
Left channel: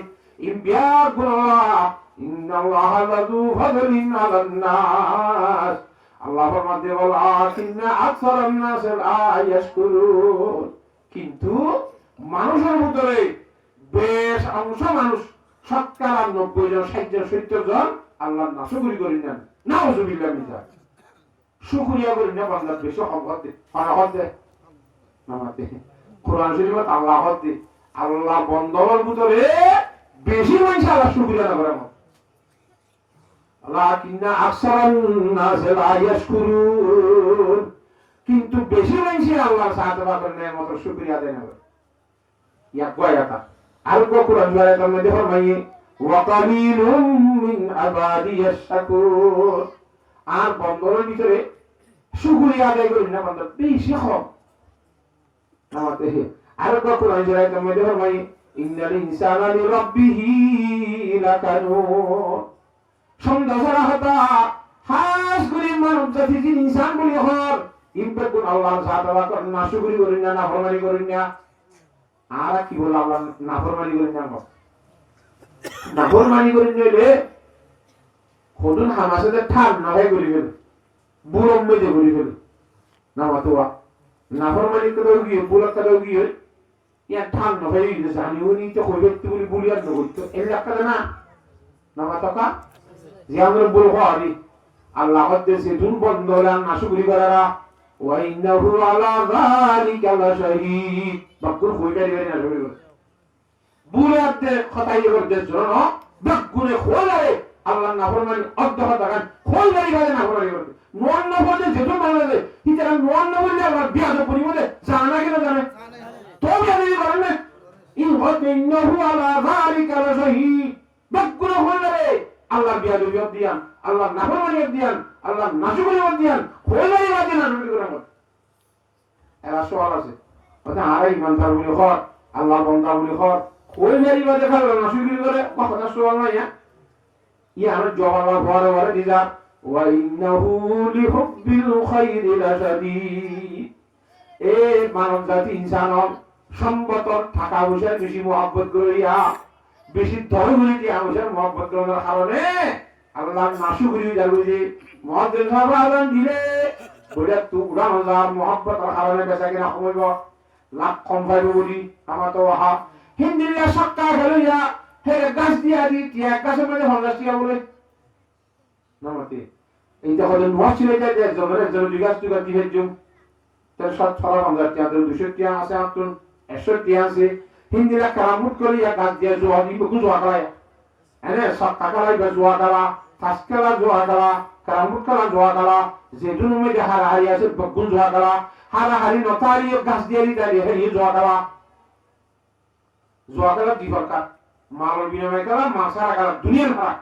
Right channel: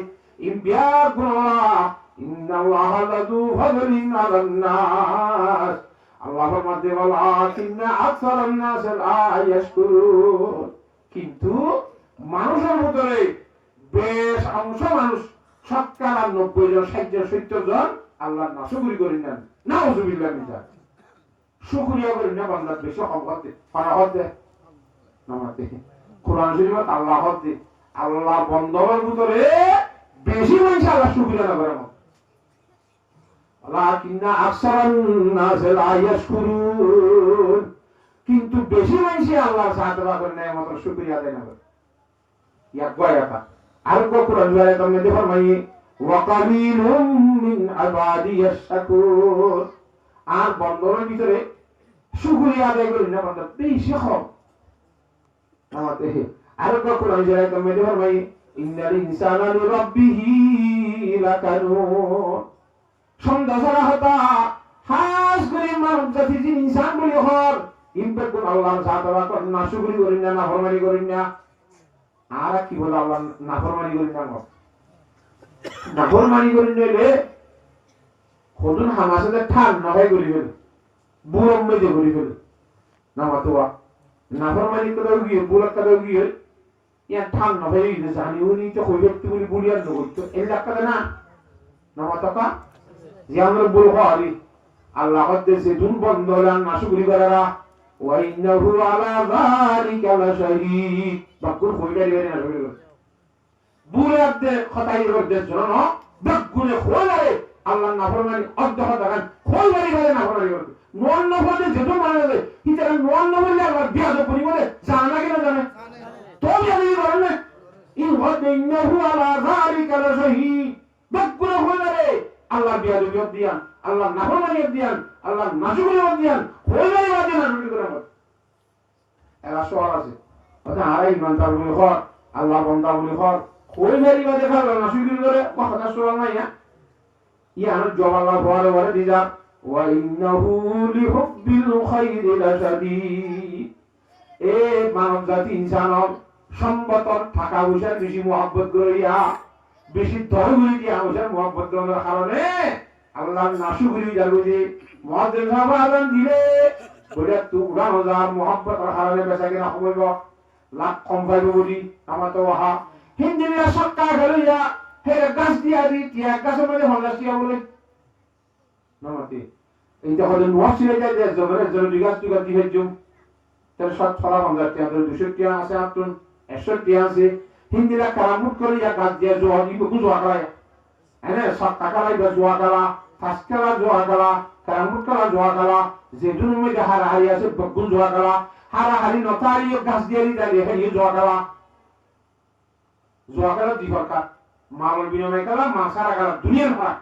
ইম্বিয়া গুনাহ ইন্নাল্লাহা লাযু ফাদলিন আলান নাস আল্লাহ ফরমাতে ওয়ালাকিন্না আকসারান নাস লা ইয়াশকুরুন কিন্তু মানুষের ভিতরে বেশ অংশ মানুষ শতকরা 90 জন 60 জন 70 জন আল্লাহর নাশকরি করেন না নাউযুবিল্লাহ মিন শুকরিয়া করেন না বান্দার বেশি হকতে ফারাহতে নামাতে কোরআন শরীফত আল্লাহ হতে আল্লাহ বন্ধের ভিতরে বেশি মানুষ আল্লাহ শুকরিয়া করে না লাকিন্না আকসারান নাস লা ইয়াশকুরুন কিন্তু বেশি মানুষ আল্লাহ সাহায্য করে না মাত্র শুকরিয়া দেয় না ইয়া কয়টা আর কোরআন শরীফের মধ্যে ফরমাইয়ে ওয়া কালিলুম মিন ইবাদিয়াশ শাকুর আর বন্ধের ভিতরে শুকরিয়া আদায় করে না বান্দা বেশি কম নামাতে আর কোরআন শরীফের মধ্যে ফরমাইয়ে ইন্নাল ইনসানা লিরাব্বিহি লাকানুন সন্ধ্যা সারা হতা হাস করে মানুষ জাতি যে ইনসান বলি হর ইম্পে কোন আল্লাহ সাদা করেন না শুকরি করেন না নাফরমানি করেন না আর কি বলে আল্লাহ নাফরমানি করেন না নাফরমানি করেন নিলে খোদুন হামাসে ঠান না হয় করি ফেলে বুড়ম মেজে করি ফেলে না মাতোয়া নাফরমানি করে গিয়ে বুড়া করে গিয়ে ইয়া ঠান না হয় দিছে জানি উনি তো কইবে তুমি বুলিয়ার নগত এই লাকা না না মাতকা যেমন বলবো আরি আল্লাহ কদ্দেসে দুন বন্ধলান নাশুকরি করারা ওয়া ইন্নাহু আলা যালিকা লাশাহীদ বাকুর কইবে রে না বলে বুড়াতে খতাই করতে জন্য বেগুনে খোলারে আল্লাহ নাফরমানি অদ্দহ দাগান কইবারি বলে নাফরমানি করতে নোন নবতে যেত মানে হিতারা নোন নবলে আবার বিয়াদ পরিবলে জানা কি না জানে তো জানি বলেন না ইন ইন্নাহু আলা যালিকা লাশাহীদ বেগুনে খোলারে আল্লাহ বিয়াদ দিয়ান আল্লাহ নাফরমানি দিয়ান আল্লাহ নাশুকরি দিয়ান কইবারি দিয়ান নাশুকরি করে এরা সওয়াল আছে কথা আরে ইমানদার বলে হর আল্লাহ বান্দা বলে হর ওই মেরি বাদে খালো না শুরু করে কথা শোনা না ইয়া আমার জবাব বড় বড় দিজা ওয়া ইন্নাহু লিহুব্বিল খাইরি লাশাদীদ এ মানব জাতি ইনসান সম্পতর টাকা পয়সার বেশি মহব্বত করিয়া বেশি ধর্মনীতি আমাদের মহব্বত করার কারণে আল্লাহ নাশুকরি জানু যে মুয়াজ্জিন সাহেব আযান দিলে বলে তোমরা হাজার মহব্বতের কারণে বেচা কিনা হইব লাখ কম পাইব বলি আমার তো ওহা হিন্দিল্লা সক্কা গেল ইয়া হে গাছ দিয়া দি টিয়া গাছের মধ্যে হন্দাস টিয়া বলে নমতে এইটা হলো মহসিল এটা যে জনের বিকাশ তুই দিলে জুম তার সব ছড়া হন্দাস টিয়া 200 টিয়া আছে আতুন 100 টিয়া আছে হিন্দিলা কারামুট করে ইয়া গাছ দিয়া জোয়া দিব গুজোয়া করায় এনে সব টাকা লাইবা জোয়া করা তাসকেলা জোয়া করা কারামুট করা জোয়া করা যে দুনুমে দেখা হারি আছে বগুন জোয়া করা হারা হারি নতারি গাছ দিয়ে দিলে হে জোয়া করা জোয়া করা দি দরকার মামল বিনমে করা মাসারা করা দুনিয়ার ফারাক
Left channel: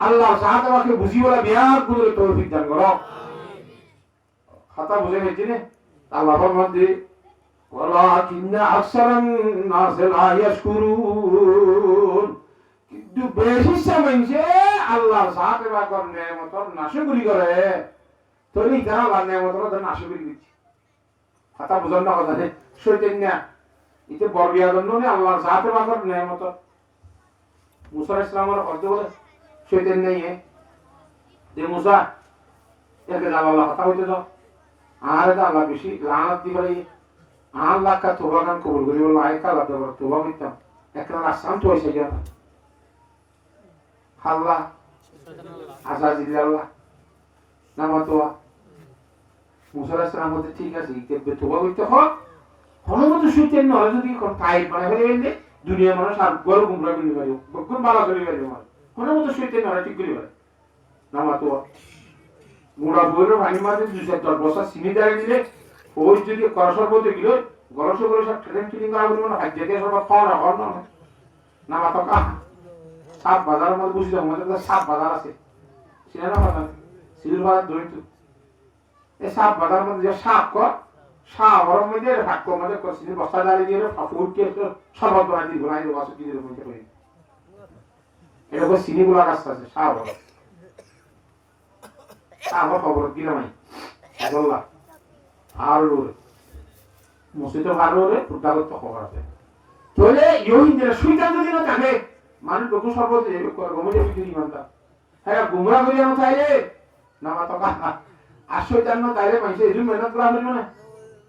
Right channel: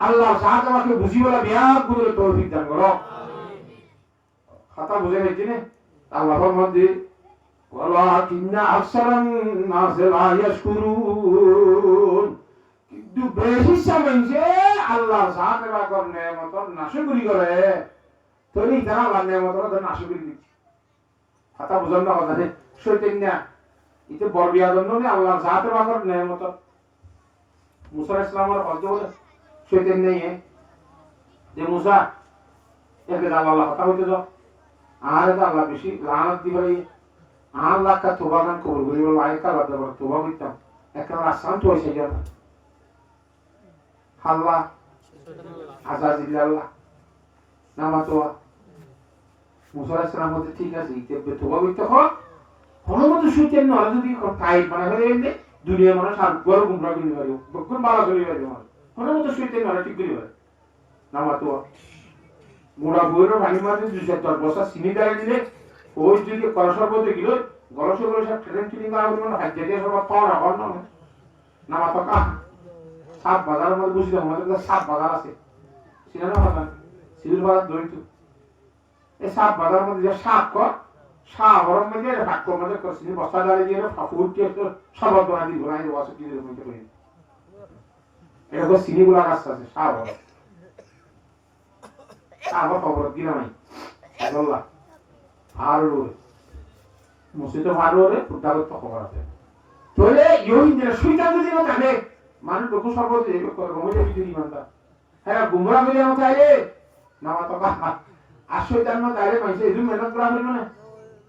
আল্লাহ সাহায্যকে বুঝিওলা বিয়ার করে তৌফিক দান করো খাতা বুঝে গেছি না আল্লাহর মধ্যে ওয়ালাকিন্না আকসারান নাস লা ইয়াশকুরুন কিন্তু বেশি সময়ে আল্লাহ সাহায্য করে নেমতর নাশকরি করে তরি তারা আল্লাহ নেমতর নাশকরি দিচ্ছে খাতা বুঝন না কথা নেই শয়তান্না ইতে বরবিয়াদন নে আল্লাহ সাহায্য করে নেমতর মুসা ইসলামের অর্থ বলে শয়তান নেই যে মুসা একে আল্লাহ কথা হইতে দাও আর আল্লাহ বেশি লানত দিবাই আল্লাহ কা তোবা গান কবুল করি বল আয় কালা দেব তোবা করতাম একটা আসাম তো এসে যাবে আল্লাহ আজাজিল আল্লাহ নামা তোয়া মুসা ইসলাম মধ্যে ঠিক আছে ইতে তোবা করতে হয় হনুমত শয়তান নয় যদি কোন টাইট মানে হয়ে গেলে দুনিয়া মানুষ আর গরু গুমরা করি পারিও বকুন বালা করি পারিও হনুমত শয়তান নয় ঠিক করি পারে নামা তোয়া গুড়া বইয়ের পানি মাঝে 210 বছর চিনি দাঁড়িয়ে দিলে ওই যদি কলসর মধ্যে গেল গলসে করে সব ট্রেন ট্রেনিং করা বলবো না যেতে সব পাওয়া রাখার না না মাথা কা সাপ বাজারের মধ্যে বুঝি যাবো আমাদের সাপ বাজার আছে সিনেমা বাজার সিঁদুর বাজার দরিদ্র এই সাপ বাজারের মধ্যে যে সাপ কর সাপ ওর মধ্যে ভাগ্য মধ্যে সিঁদুর বস্তা দাঁড়িয়ে দিয়ে ফুটকে সর্বত বানাই দিব বানাই দেবো অসুখ দিয়ে মধ্যে করে এরকম সিনিগুলা গাছ আছে সাপ আমার খবর কিনা নাই বললাম আর মসজিদে ভালো রে ফুটাগত খবর আছে তাহলে ইহুদিরা শয়তান যদি না থাকে মানুষ লোক সর্বত এই করে গমে বিধি মানতা হ্যাঁ গুমরা করে না চাইলে নামা তো কথা আর শয়তান না চাইলে মাইসে এই মেহনত করা হবে না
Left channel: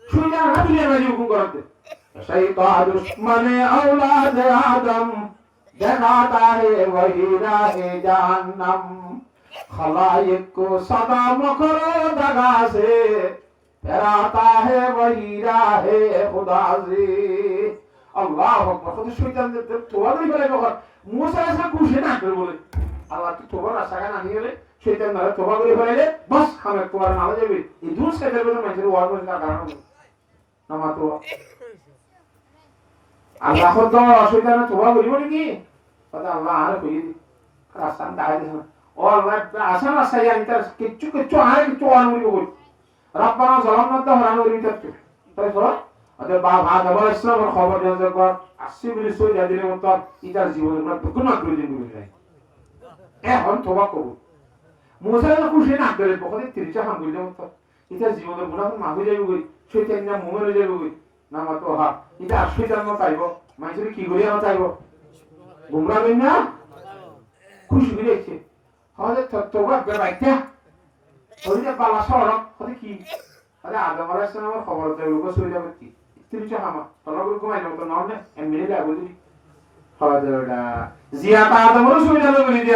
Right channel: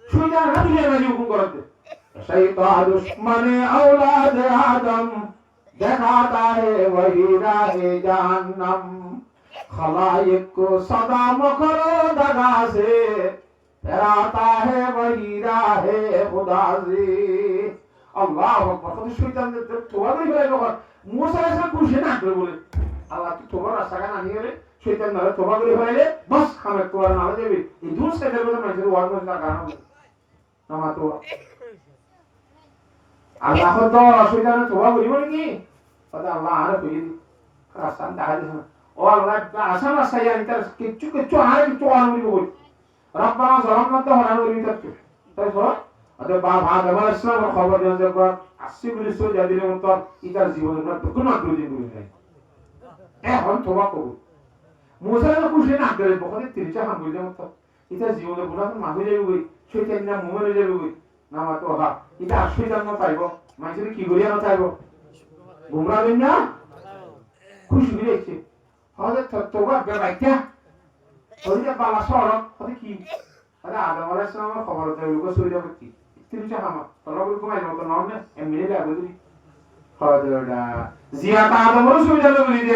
শয়তান না দুনিয়া মাঝে হুকুম করতে শয়তান দুশ্মনে औलाद आदम দেখাতা হে वही राहे जहन्नम खलाइक को सदा मकरो दगा से डराता है वही राहे खुदा से अल्लाह अकबर खुद शैतान ने तोबा नहीं करे बकर मूसा ऐसा कुछ ना करे बोले अल्लाह तू तोबा रास्ता का नहीं करे शैतान ने तोबा करे बोले बस हमें तोबा ना हो जाए ये दूर से जब मैं जरूर वार में का नाम तो अल्लाह को तो शैतान ने तोबा करे बोले की पता अल्लाह आने बोली रास्ता दाए दे और अल्लाह आसान रास्ता या इंटर किच्चू आरे किच्चू आने बोली रब्बाना ज़लमना तहरान वरी तक তাই তো আদে বাবা আদম ইসলামের খবর জানতে কর 80 মিনিট সই যাদিনে মত ইতার জীবনের কোনো আগ্রহ বলে নাই এখন তোবা করব মুসা তো খুশি না করে বকরে 30 হাম বলে মত ইতার জীবনের গুনাহ মাফ হয়ে যাবে কই শয়তান না মরে যাবে কই নামা তো হা ইতা শয়তান না পাইবো মাইসে কি করিয়া না চাইবো গুমরা হই না খুশি হইছে হলে তোবা বেবাইতা ওইটা পালা সরক হতে কি আরে আদম আলাইহিস সালামের খবর দেব লোক সরে যাবে কি তিরিশা হামা তলব ঘুমাই মত নরমে এমনি যাবে দিদি খবর দেওয়া জিয়াতা আদম সরে যাবে বলি যে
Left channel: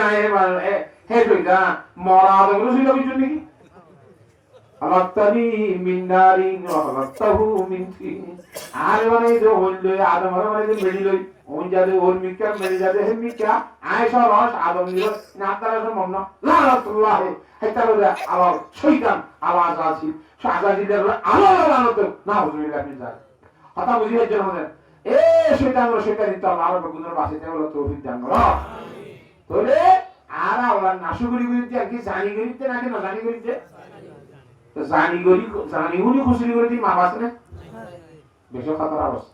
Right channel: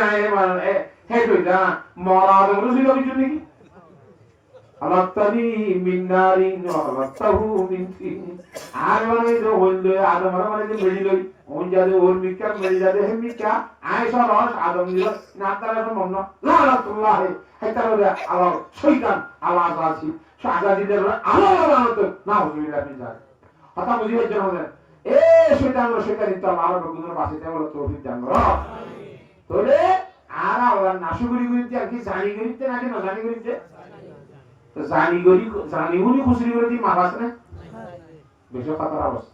হে কইতা মরা আদম সরে যাবে জন্য কি আলাতানি মিন নারিন ওয়া আলাতাহু মিন তিন আর মানে যে হইল আদম মানে যে মেলি লই ওই যাবে ওর মিকা মেলি যাবে হে মিকা আয়েশা রস আদম দিল না তারা মন না লানাতুল্লাহ হাইতারা আল্লাহ শয়তান আওয়াজ আছে শাহজাদিদের আল্লাহ তো না হুজুরি গানি যায় কথা বুঝিয়ে জন্য এ শয়তানি তো আল্লাহর গুণের বাসিতে বলে তৌফিক দান করো আমিন তোরে আর আল্লাহ নাশুগুরি করিতে আর কি জানি করিতে নাকি না জানি করিতে তো জানি উনি খুশি করে দি মা বাসনে বেশি খাতার অবস্থা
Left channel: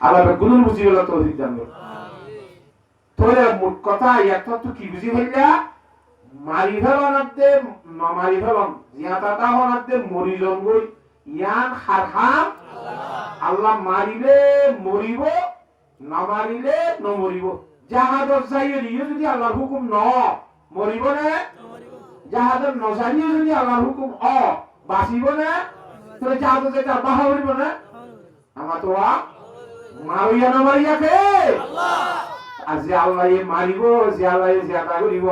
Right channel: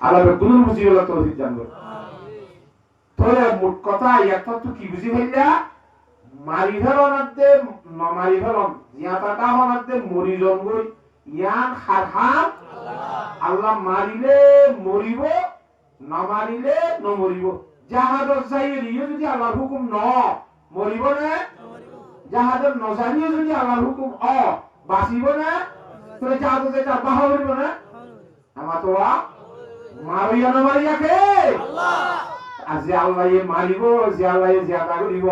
আল্লাহ বেগুন বুঝি হলো তৌফিক দান করুন তোরে মোট কথা এত তো কি বুঝি হইলা মারি ফেলনাতে নমারি ফেলন জিয়াতাটা হনাতে মরিজন গই ইয়ান হারহাম আল্লাহ মারিলে মরিব না মারিলে নমরিব জাহাদত চাইয়ে দিয়ে যদি আল্লাহর হুকুম ন মরিব না জাহাদত নজানিয়ে যদি আল্লাহর হুকুম বাঁচিব না তাহলে জাহাদত যেটা বাহা হইব না আমার তো মারিয়া না মারিয়াকে আল্লাহ আজি আল্লাহ মারিব যে আল্লাহ জিয়াদা করিব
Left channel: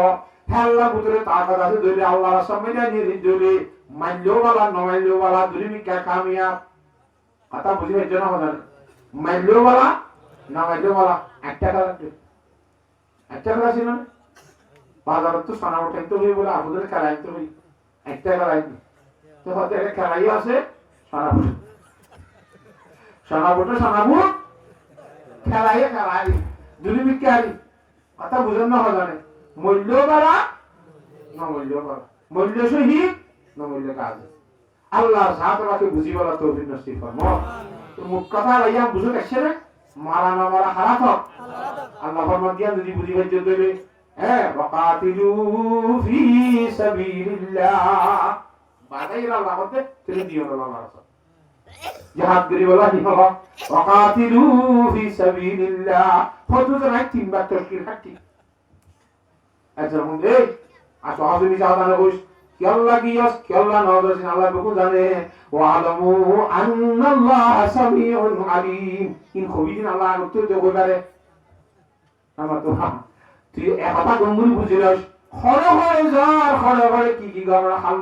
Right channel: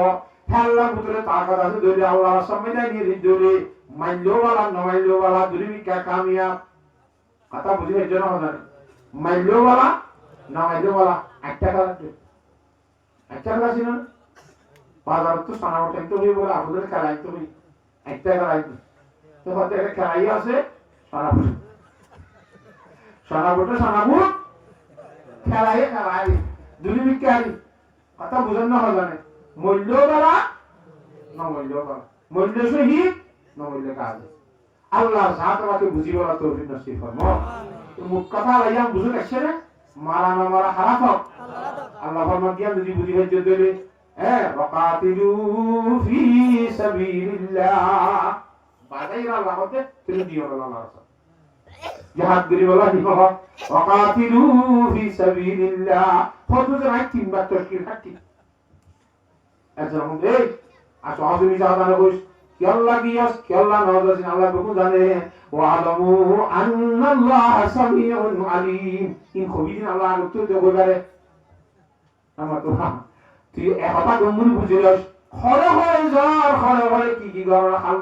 আল্লাহ পুত্রে তাকাত আছে ধরে আল্লাহর সামনে নিয়ে ধরে মাইলো वाला নমাইলো वाला দুলিমি কা কামিয়া কথা বুঝি হইছে না হন মাইলো वाला নমাইলো वाला একটা কথা ছিল না বাজার তো সানা উঠাই তো বলে আপনাদের খেলাই তো বলি একটা খেলাই তো হতে একটা খেলাই আছে সানাবুট খেলাই দুলিমি কারি কথা বুঝেন না হন মূল্য বাড়া নমূল্য বাড়া মূল্য শহীদ নমূল্য কাজ আল্লাহর সাথে আমাকে বুঝি বলা তৌফিক নসিব ফরমো তো মুখ কথা লাইয়া বুঝো দেখছে না মারা না মারা খারাপ আল্লাহ ফরমান দিয়া যদি বুঝি হইতে দেবে ওয়াকাতিলু ফি সাবিলিল্লাহ বাদাইরা লাহতে তুমি দিও না রাসূল জিহাদ করি বলা কি হলো ওয়াকাতিলু ফি সাবিলিল্লাহ ফতুজ রাইট তিনবার তরকির হাকি আচ্ছা মধ্যে আসো হাজুমি জাহাদানে কইস কি আল্লাহ গিয়াস কি আল্লাহ নওয়াজ আল্লাহ বহু জানে ওয়া আলামু আন্নাল্লাহ সামিউন আলিম ইন খবিদিন আল্লাহ উত্তর দেব পারে আমার তো তুই একটা গঙ্গুল বুঝিলাস খরে খরে যার খরে খরে কি কি গড় খাল